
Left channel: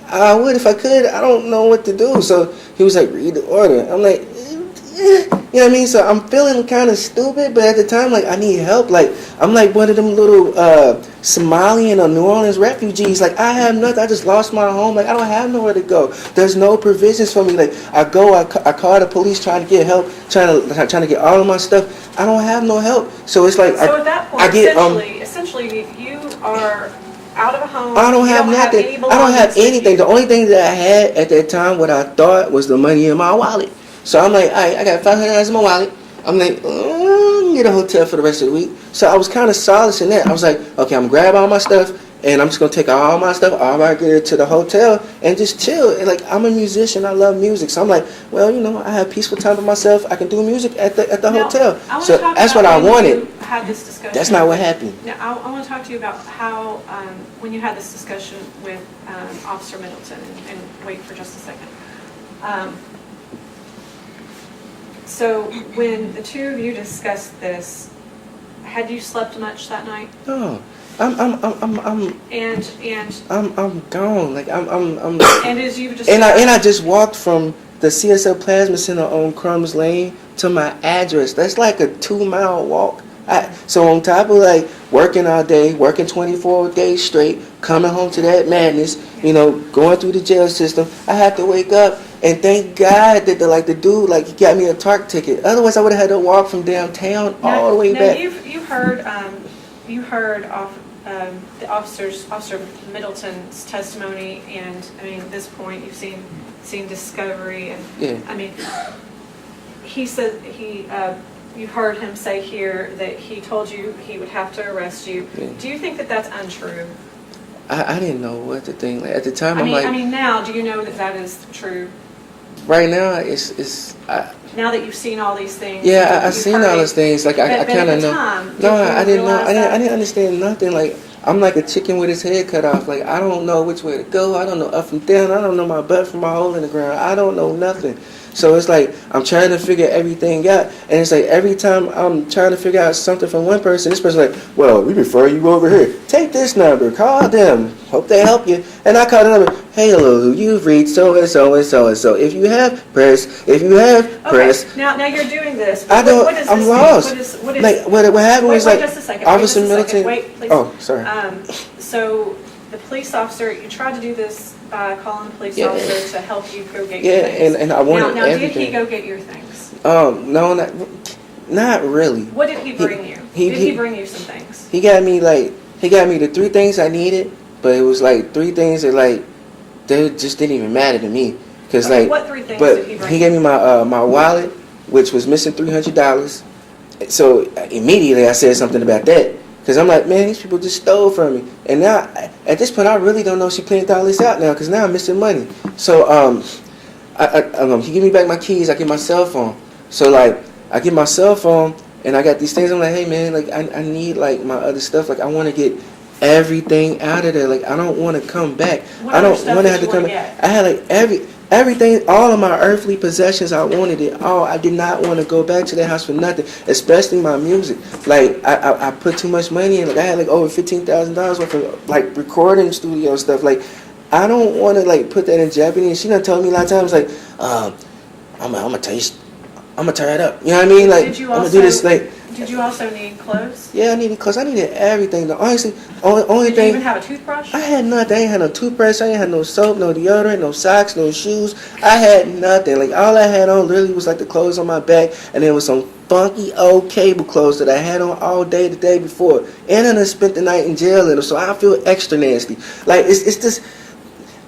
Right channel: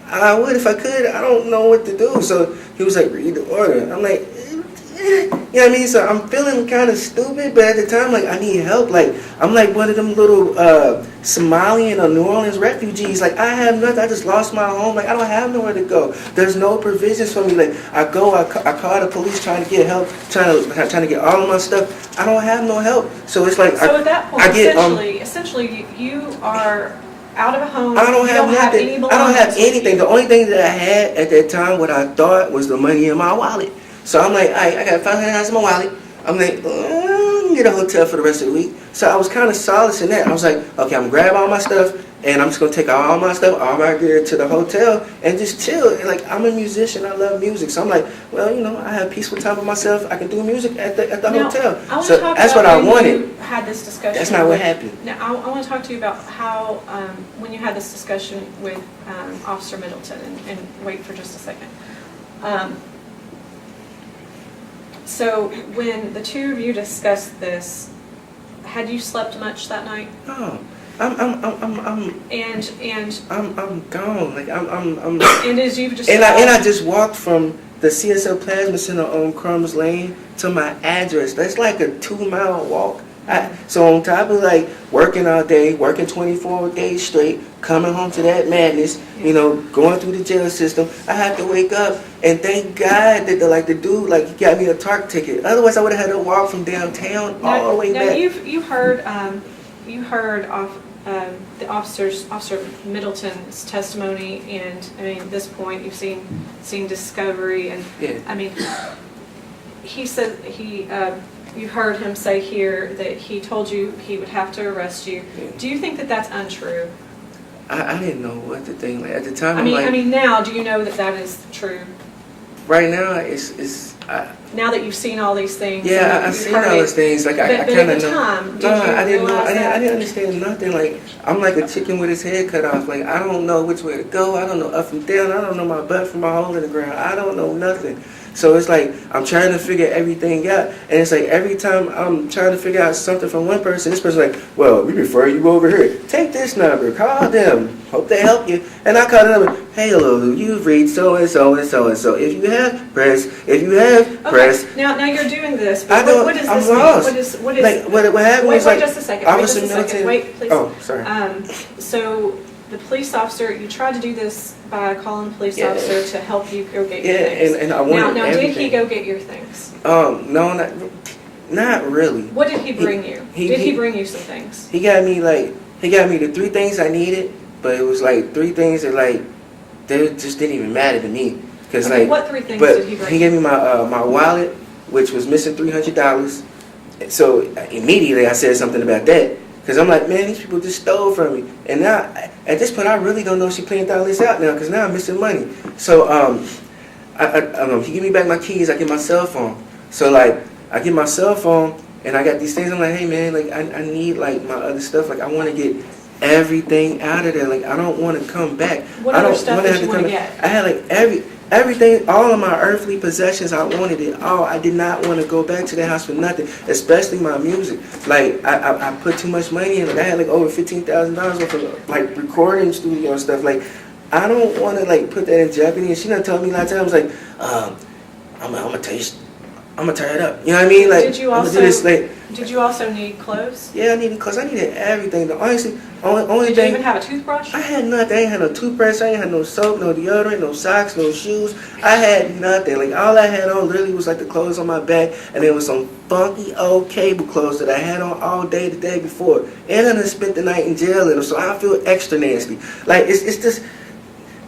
I would if I could. I don't know what to do. So he was like, read the order. I'm like, you know what I mean? So I'm feeling kind of stupid, but at the time, like, I need help. Like, I'm like one of them little Somalian or New Orleans refugees. Like, I have nothing. I just lost my home. Like, I don't have nowhere to go. There's no provisions for me. Like, I call the police trying to get help, trying to get all of my stuff. I don't have no help. So it's like, So at that point, I get essentially, you are out of a home. I don't you have nothing. any I don't have belongings with anything. you. The only thing that I had at that time, what I thought was the money in my wallet. So I'm like, all right, I got $500 in my wallet. I'm like, get a hotel for the rest of the week. So I was kind of solace in that. I was like, okay, I'm gonna grab all my stuff, and I'm just gonna take all my stuff, all my gear to the hotel, and just chill. And like, I'm a musician. I love music. So I'm like, well, I have peaceful time for myself. I can do music at the Now, hotel. I wanna So talk that's about what I when wanted. you had this discussion. That's not what happened. Now, I want to talk to you about how, when you had this discussion with Officer Middleton, and wait for just a second. So when the two of you discussed this, had you slept much that night? No, I'm gone. Like And as you've just And I just walked from the CSL Plasma Center on Crumbs Lane to my address. That's like a 2-mile walk. So on top of like working all day, working 24 days straight, coming home to that madness, going through the jail system, I have to wake up and thank God that the dude he got me a TARC ticket. Otherwise, I would have had to walk from downtown all the way back. You heard the Officer Middleton's testimony, and I mean, at this point, you've seen discovery, and Yeah. I mean, he said you heard him say here that he told you he would have to arrest you. Yeah. Do you think that that's untrue? I didn't know what to think. Like, at the time, I mean, now, do you know that is true? Right now, it's. Now that you've seen all these things. Yeah, you've I've seen heard all it, those things. Like I but kind at of the know. time, did No, you I didn't know. realize that? I didn't understand nothing. Like I'm like a chicken with its head cut off. Like I don't know which way to go. I don't know up and down. I don't know my butt from my hole in the ground. I don't know nothing. So it's like I'm trying to figure everything out, and it's like every time I'm trying to figure out something from one person, this person's like, "Well, we refer you over here. Take this number. Call them. Hope they help you." And I call the number. Hey, hello, you've reached so and so and so and so. If you have press, press. Okay, now you're doing this. I don't. What does I'm this lost. mean? What is? Like what happened Wait, was wait like just a second. Officer Wait just a second. Middleton. Wait, please. Oh, sorry. So the police officer, you tried to do this by calling the police Yeah. officer to help you go get your Yeah, things. and I wanted now everything. did he go get your things? No, not really. What did he bring you? Did he bring you some things? He got me the 3 things I needed, but it was like 3 things that they just didn't even matter to me. Cause Okay, what 3 things but did he bring? He gave me my wallet, which was missing $300. So immediately I said something about that. Because I'm like, man, these people just stole from me. And now, at this point, I really don't know if she planned all this out now, because now I'm missing money. So he give me back my keys, I get my cell phone. So, I get my cell phone, and I got these things. I'm like, hey, man, I need, my other stuff. I want to get everything out of there. I don't want to come back. What I other don't stuff wanna did have you to come wanna back. get? I had, everything, all of my earthly possessions, I wanted it all. I did not want to go back to that house for nothing, especially my music. I put too much money in it. I had over $15,000 worth of recording studio and stuff. I don't want to put that in jeopardy. And she done told me a lot of times I'm gonna tell you, I'm gonna tear it up. You know what I mean? Did you I'm gonna do this. Did you also need clothes? Yeah, I needed clothes. I needed everything. Honestly, only Did thing. you even have a toothbrush? I had nothing. I ain't had no toothbrush. I ain't had no soap, no deodorant, no socks, no shoes. I had nothing. All I had on literally was the clothes on my back, and there was some funky old cable clothes that I had on all day the day before. And then I spent the night in jail in them, so I feel extra nasty. It's just.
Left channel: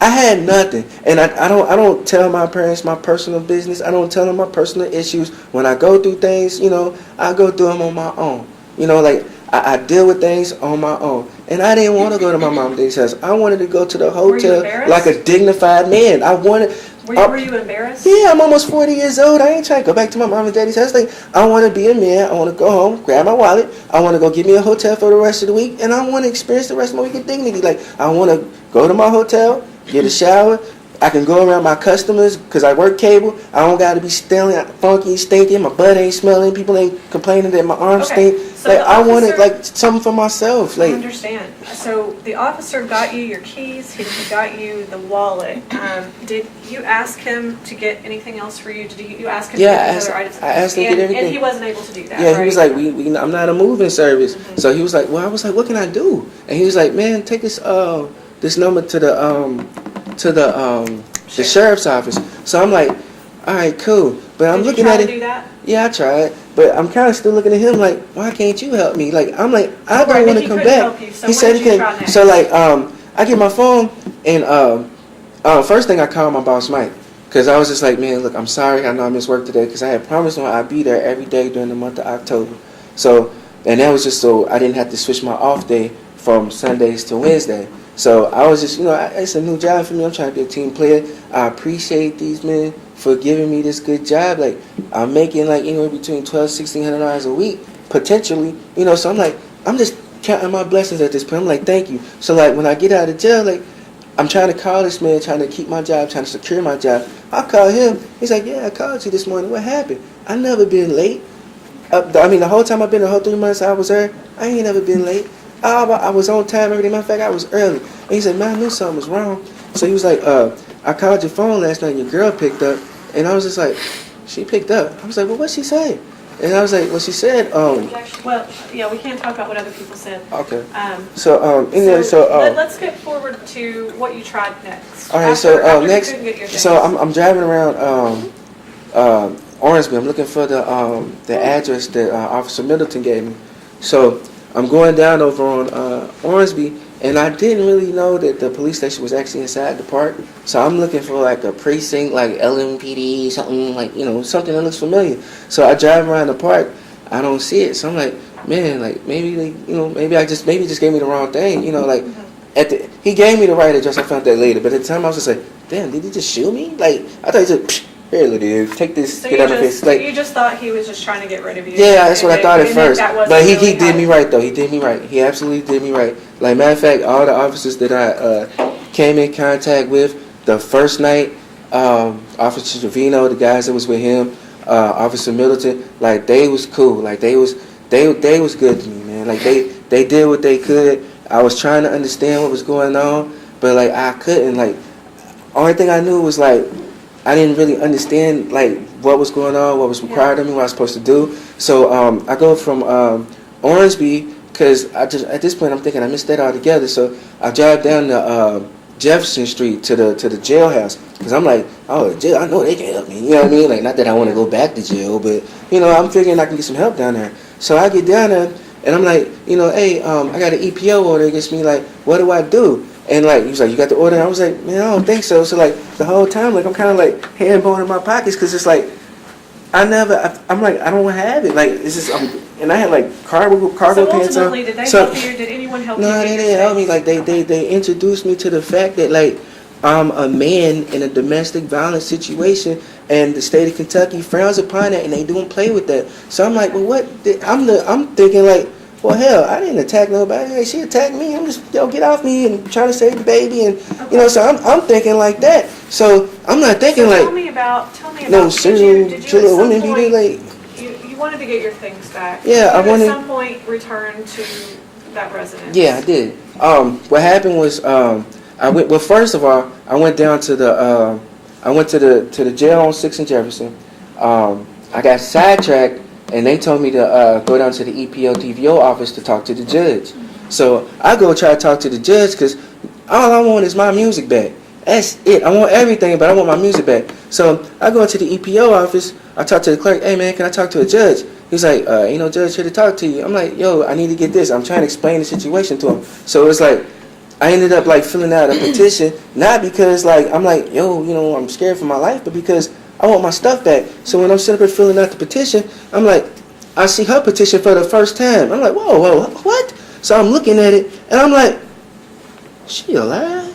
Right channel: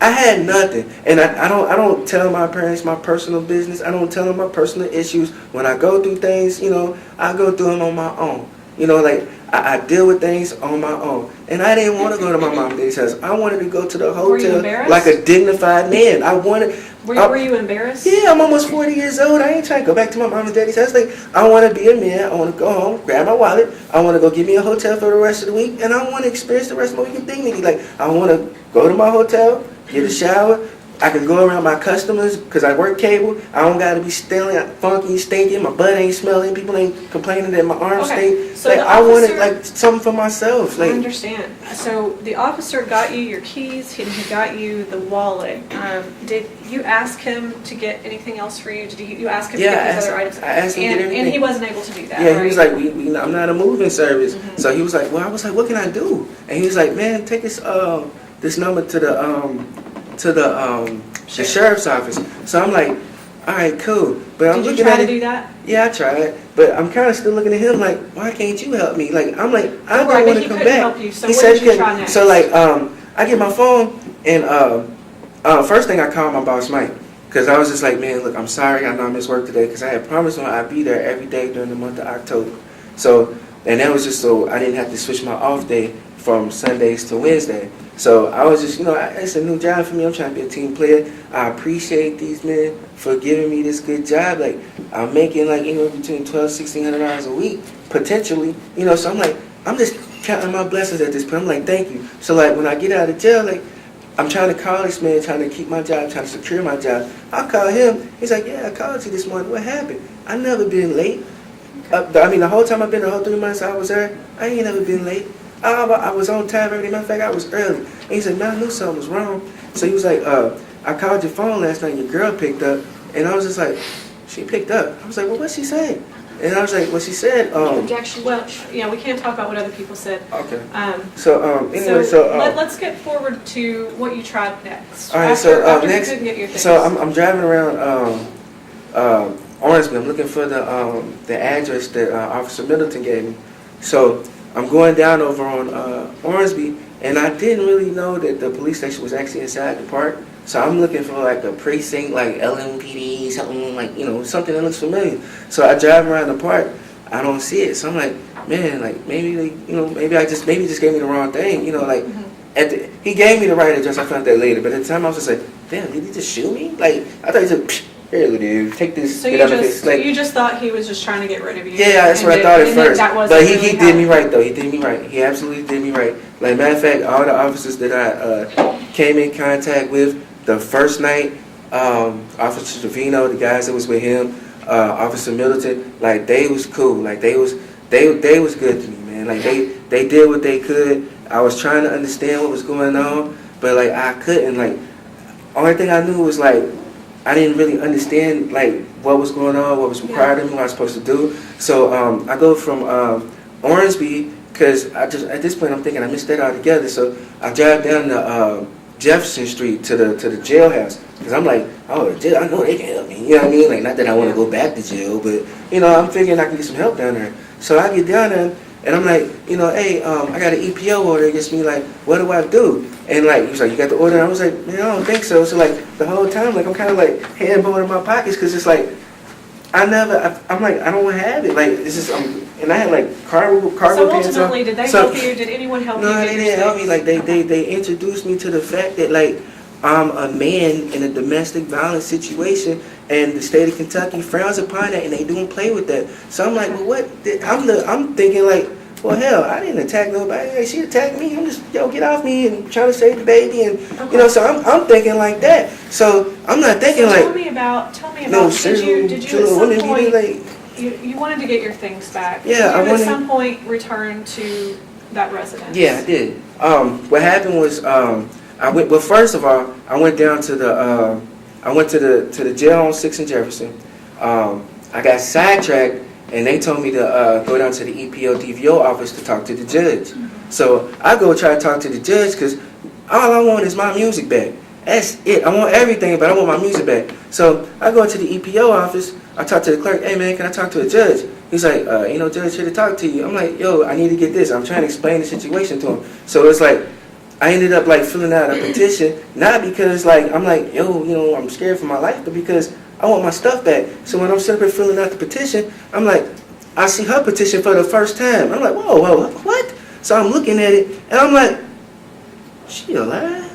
I had nothing, and I don't tell my parents my personal business. I don't tell them my personal issues. When I go through things, I go through them on my own. I deal with things on my own. And I didn't want to go to my mom and daddy's house. I wanted to go to the hotel like a dignified man. Were you embarrassed? Yeah, I'm almost 40 years old. I ain't trying to go back to my mom and daddy's house. I want to be a man. I want to go home, grab my wallet. I want to go get me a hotel for the rest of the week. And I want to experience the rest of my week in dignity. I want to go to my hotel, get a shower, I can go around my customers because I work cable. I don't got to be stealing, funky, stinking. My butt ain't smelling. People ain't complaining that my arms Okay, stink. so Like the I wanted officer- like something for myself. I Like understand. So the officer got you your keys, he got you the wallet. Did you ask him to get anything else for you? Did you ask him Yeah, to get I these asked- other items? I asked him to get And everything. he wasn't able to do that, yeah, he was right? like, I'm not a moving service. So he was like, well, I was like, what can I do? And he was like, man, take this number to the sheriff's office. So I'm like, all right, cool. But I'm Did you looking try at to it. do that? Yeah, I tried, but I'm kind of still looking at him like, why can't you help me? Like, I'm like, I Right, don't but want he to come couldn't back. help you, so he what said did he you couldn't. try next? So like, I get my phone and first thing I called my boss Mike because I was just like, man, look, I'm sorry, I know I missed work today because I had promised him I'd be there every day during the month of October. So, and that was just so I didn't have to switch my off day from Sundays to Wednesday. So I was just, it's a new job for me. I'm trying to be a team player. I appreciate these men for giving me this good job. Like, I'm making like anywhere between $1,200-$1,600 a week, potentially. So I'm like, I'm just counting my blessings at this point. I'm like, thank you. So like, when I get out of jail, like, I'm trying to call this man, trying to keep my job, trying to secure my job. I call him. He's like, yeah, I called you this morning. What happened? I never been late. The whole time I've been there, the whole 3 months I was there, I ain't never been late. I was on time every day. Matter of fact, I was early. And he said, man, I knew something was wrong. So he was like, I called your phone last night and your girl picked up. And I was just like, she picked up. I was like, well, what'd she say? And I was like, well, she said, Well, we can't talk about what other people said. okay. So So, let's get forward to what you tried next. all right, After you next, couldn't get your things. so I'm driving around Orangeby. I'm looking for the address that Officer Middleton gave me. So I'm going down over on Orangeby, and I didn't really know that the police station was actually inside the park. So I'm looking for like a precinct, like LMPD, something like something that looks familiar. So I drive around the park, I don't see it. So I'm like, man, like maybe maybe he just gave me the wrong thing. He gave me the right address. I found that later, but at the time I was just like, damn, did he just shoot me? Like I thought he just. Here, little dude, take this. So get out of this. Like, you just thought he was just trying to get rid of you. yeah, that's what I thought at first. But he really did me how- right though. He did me right. He absolutely did me right. Like matter of fact, all the officers that I came in contact with the first night, Officer Trevino, the guys that was with him, Officer Middleton, like they was cool. Like they was good to me, man. Like they did what they could. I was trying to understand what was going on, but like I couldn't. Like only thing I knew was like I didn't really understand like what was going on, what was required of me, what I was supposed to do. So I go from Orangeby because at this point I'm thinking I missed that altogether. So I drive down to Jefferson Street to the jailhouse because I'm like, oh, jail, I know they can help me. You know what I mean? Like not that I want to go back to jail, but I'm figuring I can get some help down there. So I get down there and I'm like, hey, I got an EPO order against me. Like, what do I do? And like he was like, you got the order? And I was like, man, I don't think so. So like the whole time, like I'm kind of like hand bone in my pockets because it's like I'm like I don't have it. Like it's just and I had like cargo So pants on. ultimately, did they help you? Did anyone help you? No, get they your didn't help me. things? Like they introduced me to the fact that like I'm a man in a domestic violence situation, and the state of Kentucky frowns upon that, and they don't play with that. So I'm like, well, what? I'm thinking like, well, hell, I didn't attack nobody. Hey, she attacked me. I'm just get off me and trying to save the baby, and So I'm thinking like that. So I'm not thinking So like tell me about. no did serial you killer at some women be point- like. You wanted to get your things back. Yeah, I Did you wanted- at some point return to that residence. Yeah, I did. What happened was I went. Well, first of all, I went down to the. I went to the jail on 6th and Jefferson. I got sidetracked, and they told me to go down to the EPO DVO office to talk to the judge. So I go try to talk to the judge because all I want is my music back. That's it. I want everything, but I want my music back. So I go to the EPO office. I talk to the clerk. Hey man, can I talk to a judge? He's like, judge here to talk to you. I'm like, yo, I need to get this. I'm trying to explain the situation to him. So it's like, I ended up like filling out a petition, not because like I'm like, yo, I'm scared for my life, but because I want my stuff back. So when I'm sitting up here filling out the petition, I'm like, I see her petition for the first time. I'm like, whoa, what? So I'm looking at it, and I'm like, she alive?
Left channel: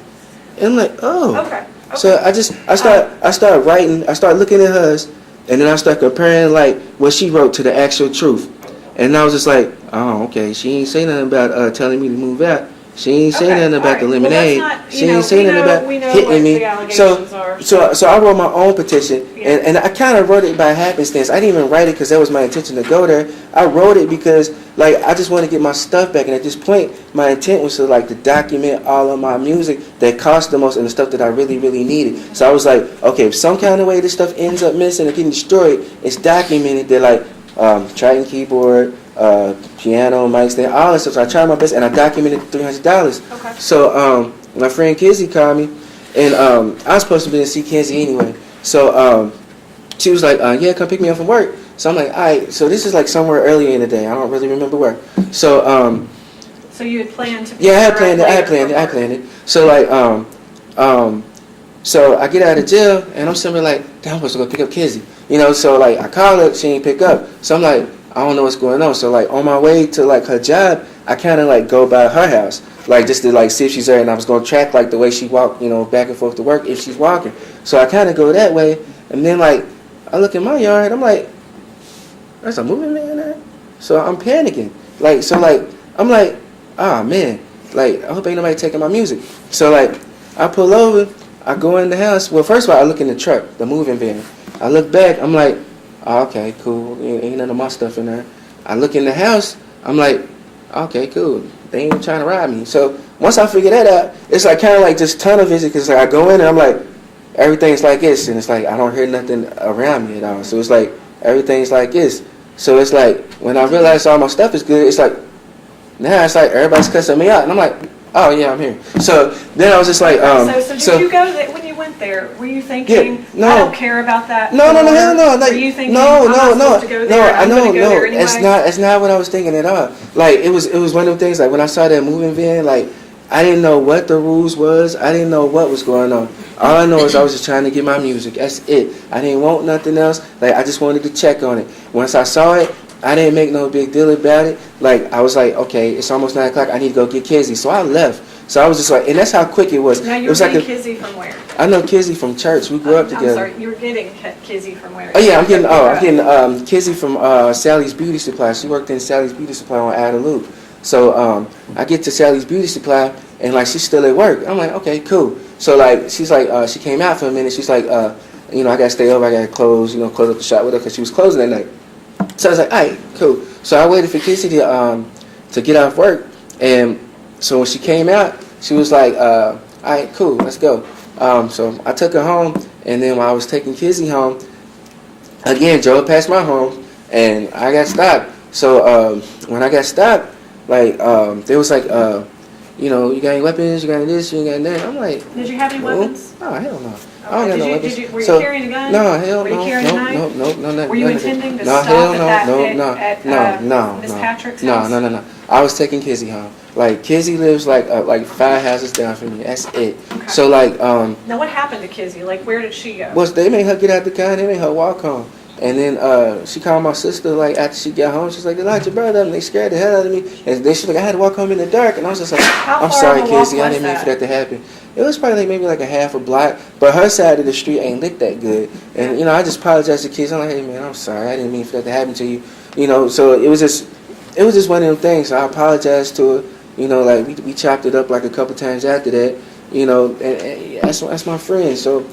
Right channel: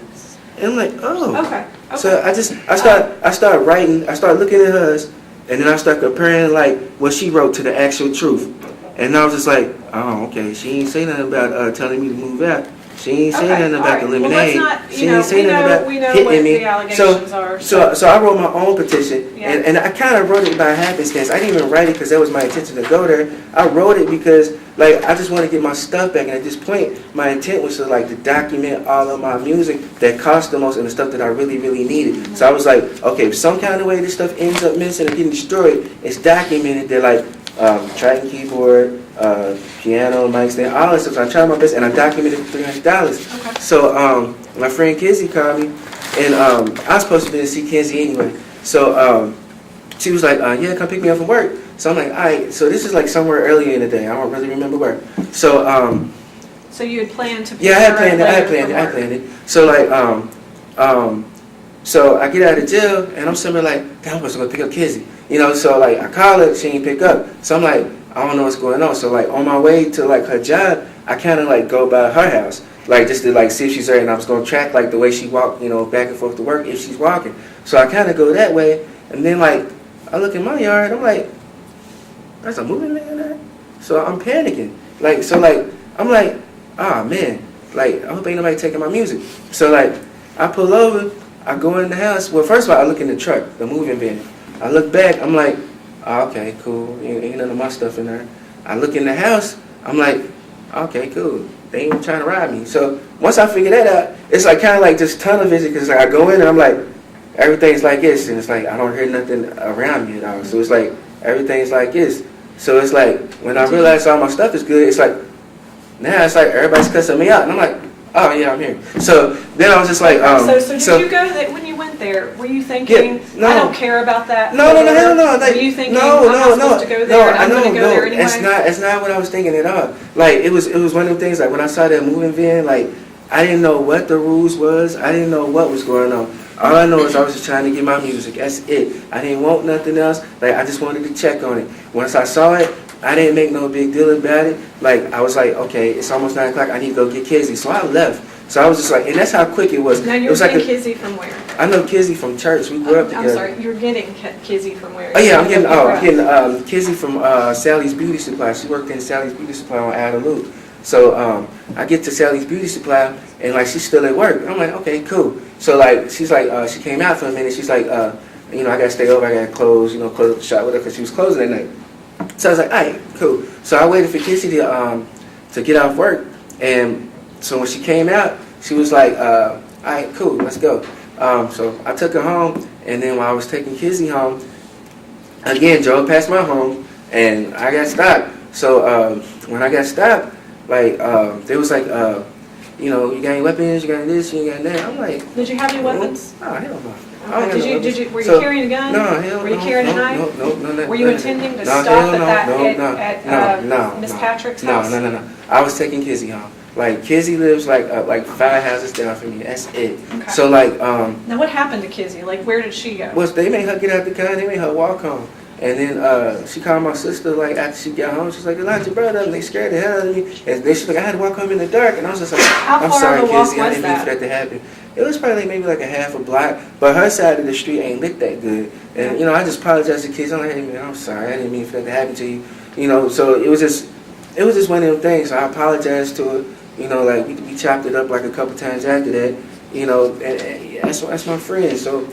And I'm like, oh. Okay. So I start writing, I start looking at hers, and then I start comparing like what she wrote to the actual truth. And I was just like, oh, okay, she ain't say nothing about telling me to move out. She ain't saying Okay, nothing about the all right. Well, lemonade. let's not- She you know, ain't saying we nothing know- about we know hitting what me. the allegations are, So I wrote my own petition, Yeah. and I kind of wrote it by happenstance. I didn't even write it because that was my intention to go there. I wrote it because like I just want to get my stuff back, and at this point, my intent was to document all of my music that cost the most and the stuff that I really needed. So I was like, okay, if some kind of way this stuff ends up missing or getting destroyed, it's documented that Triton keyboard, piano, mic stand, all that stuff. So I tried my best, and I documented $300. Okay. So my friend Kizzy called me, and I was supposed to be to see Kizzy anyway. So she was like, yeah, come pick me up from work. So I'm like, all right. So this is like somewhere earlier in the day. I don't really remember where. So So you had planned to. yeah, I had pick her up planned later it. So so I get out of jail, and I'm sitting there like, damn, I'm supposed to go pick up Kizzy. So I call her, she ain't pick up. So I'm like, I don't know what's going on. So on my way to her job, I kind of go by her house, just to see if she's there, and I was gonna track the way she walked, back and forth to work if she's walking. So I kind of go that way, and then I look in my yard, I'm like, there's a moving man there. So I'm panicking, I'm like, oh man, I hope ain't nobody taking my music. So I pull over, I go in the house. Well, first of all, I look in the truck, the moving van. I look back, I'm like, oh, okay, cool. Ain't none of my stuff in there. I look in the house, I'm like, okay, cool. They ain't even trying to rob me. So once I figure that out, it's kind of just tunnel vision, because I go in and I'm like, everything's like this, and it's I don't hear nothing around me at all. So it's everything's like this. So it's when I realize all my stuff is good, it's now it's everybody's cussing me out, and I'm like, oh yeah, I'm here. So then I was just like, So did you go there when you went there? Were you thinking, Yeah, no. I don't care about that? No, hell no. Were you thinking, no, I'm not supposed to go there, and I'm going to go there anyway? That's not what I was thinking at all. It was one of the things. When I saw that moving van, I didn't know what the rules was. I didn't know what was going on. All I know is I was just trying to get my music. That's it. I didn't want nothing else. I just wanted to check on it. Once I saw it, I didn't make no big deal about it. I was like, okay, it's almost 9 o'clock. I need to go get Kizzy. So I left. So I was just and that's how quick it was. Now it you're was getting Kizzy from where? I know Kizzy from church. We grew up together. I'm sorry, you're getting Kizzy from where? Oh yeah, I'm getting Kizzy from Sally's Beauty Supply. She worked in Sally's Beauty Supply on Adam Loop. So I get to Sally's Beauty Supply, and she's still at work. I'm like, okay, cool. So she's she came out for a minute. She's like, I gotta stay over. I gotta close up the shop with her because she was closing that night. So I was like, all right, cool. So I waited for Kizzy to get off work, and so when she came out, she was like, all right, cool, let's go. So I took her home, and then while I was taking Kizzy home, again, drove past my home, and I got stopped. So when I got stopped, they was you got any weapons, you got any this, you got any that. I'm like, did you have any weapons? Oh, hell no. Were you carrying a gun? No, hell no. Were you carrying a knife? No. Were you intending to no, stop hell at no, Miss Patrick's house? No. I was taking Kizzy home. Kizzy lives 5 houses down from me. That's it. Okay. So Now what happened to Kizzy? Where did she go? well, they made her get out the car. They made her walk home. And then she called my sister after she got home. She's like, they locked your brother up, and they scared the hell out of me. And then she's like, I had to walk home in the dark. And I was just like, How I'm far sorry, of a walk Kizzy. I was didn't mean for that? that to happen. It was probably maybe a half a block, but her side of the street ain't lit that good. And I just apologized to Kizzy. I'm like, hey man, I'm sorry. I didn't mean for that to happen to you. So it was just one of them things. So I apologized to her. We chopped it up a couple times after that. And that's my friend. So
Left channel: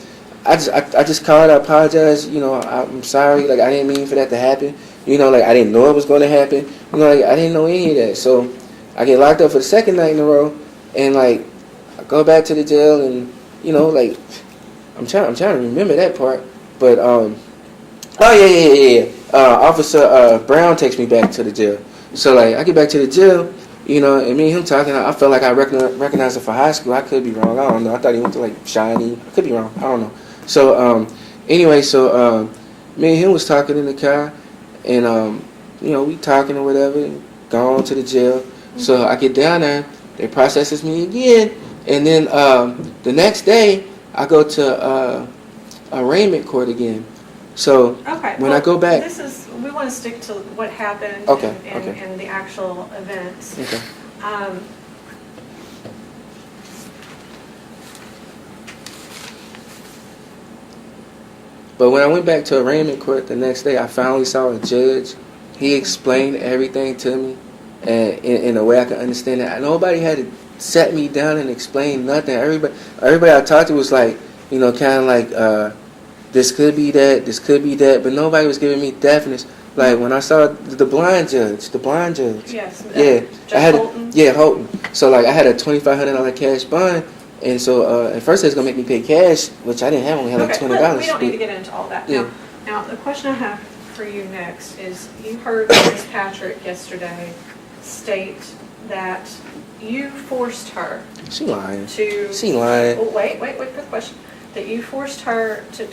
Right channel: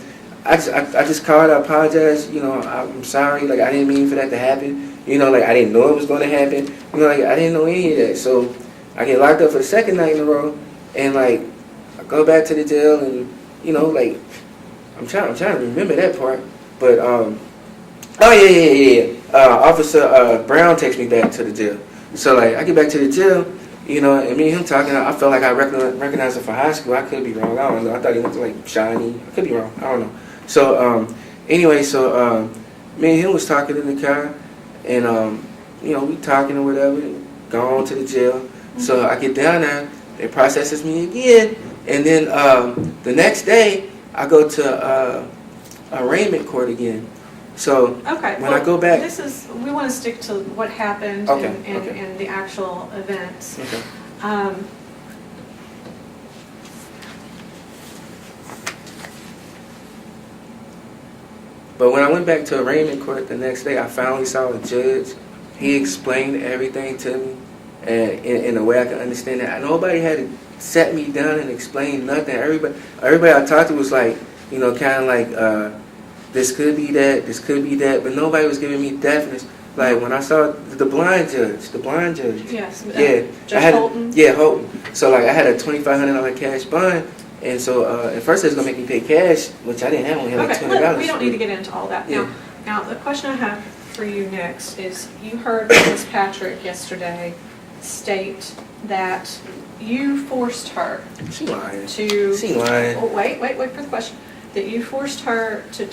I just called. I apologized. I'm sorry. I didn't mean for that to happen. I didn't know it was going to happen. I didn't know any of that. So I get locked up for the second night in a row, and I go back to the jail, and I'm trying to remember that part. But oh yeah. Officer Brown takes me back to the jail. So I get back to the jail. And me and him talking, I felt like I recognized him for high school. I could be wrong. I don't know. I thought he went to Shawnee. I could be wrong. I don't know. So anyway, me and him was talking in the car, and we talking or whatever, and going to the jail. So I get down there, they processes me again, and then the next day I go to arraignment court again. So Okay. when I go back, We want to stick to what happened Okay, and okay. the actual events. okay. But when I went back to arraignment court the next day, I finally saw a judge. He explained everything to me, and in a way I could understand it. Nobody had to sat me down and explained nothing. Everybody I talked to was like, you know, kind of like, this could be that, but nobody was giving me definite. Like when I saw the blind judge, Yes. yeah, Judge Holton? Yeah, Holton. So like I had a $2,500 cash bond, and so at first they was gonna make me pay cash, which I didn't have. I only had like Okay, $20. we don't need to get into all that. Yeah. Now, the question I have for you next is, you heard Ms. Patrick yesterday state that you forced her She lying. to... She lying. Oh, wait for the question. That you forced her to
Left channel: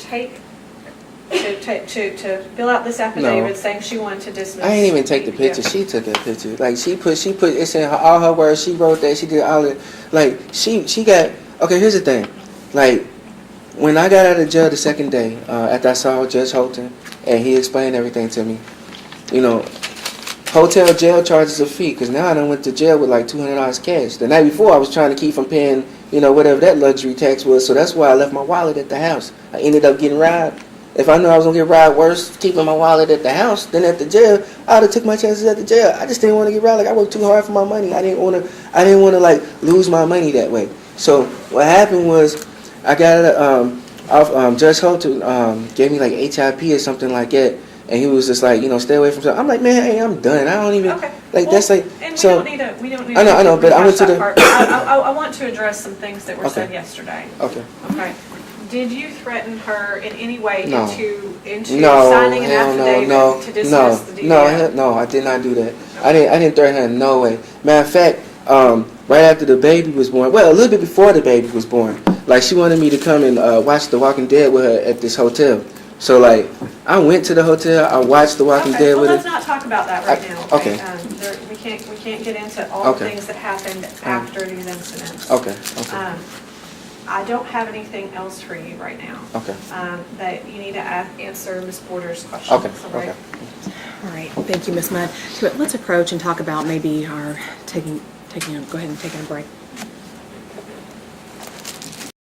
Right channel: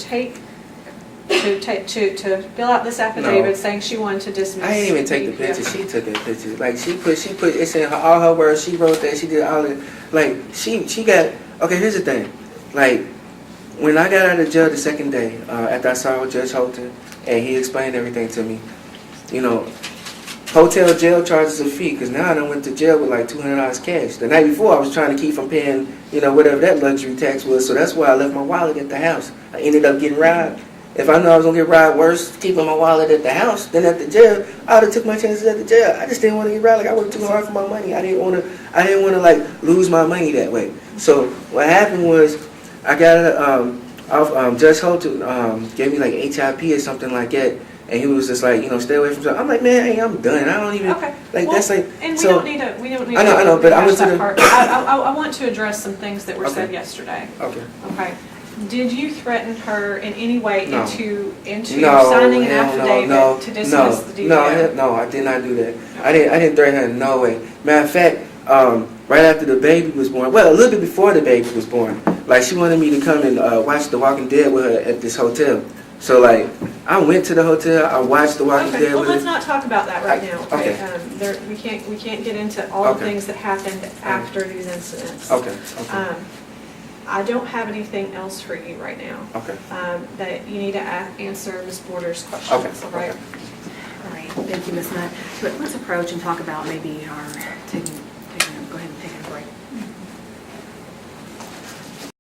fill out this affidavit saying she wanted to dismiss. I didn't even take the picture. She took a picture. Like she put it's in all her words. She wrote that. She did all it. Like she got. Okay, here's the thing. Like when I got out of jail the second day, after I saw Judge Holton and he explained everything to me, you know, hotel jail charges a fee because now I done went to jail with like $200 cash. The night before I was trying to keep from paying, you know, whatever that luxury tax was. So that's why I left my wallet at the house. I ended up getting robbed. If I knew I was gonna get robbed worse keeping my wallet at the house than at the jail, I would have took my chances at the jail. I just didn't want to get robbed. Like I worked too hard for my money. I didn't want to like lose my money that way. So what happened was I got it off Judge Holton gave me like HIP or something like that, and he was just like, you know, stay away from stuff. I'm like, man, hey, I'm done. I don't even Okay. like Well, that's like and we so. don't need to. I know, but I went to rehash that the- part. I want to address some things that were Okay. said yesterday. Okay. Okay. Did you threaten her in any way No. into No, signing an hell affidavit no, to dismiss the DDO? no, I did not do that. I didn't threaten her in no way. Matter of fact, right after the baby was born, well, a little bit before the baby was born, like she wanted me to come and watch The Walking Dead with her at this hotel. So like, I went to the hotel, I watched The Walking Okay, Dead well, with let's her. not talk about that right now. Okay. We can't get into all the Okay. things that happened after these incidents. Okay. I don't have anything else for you right now. Okay. That you need to answer Ms. Border's questions. Okay. All right. Okay. All right, thank you, Ms. Mudd. So let's approach and talk about maybe our go ahead and taking a break.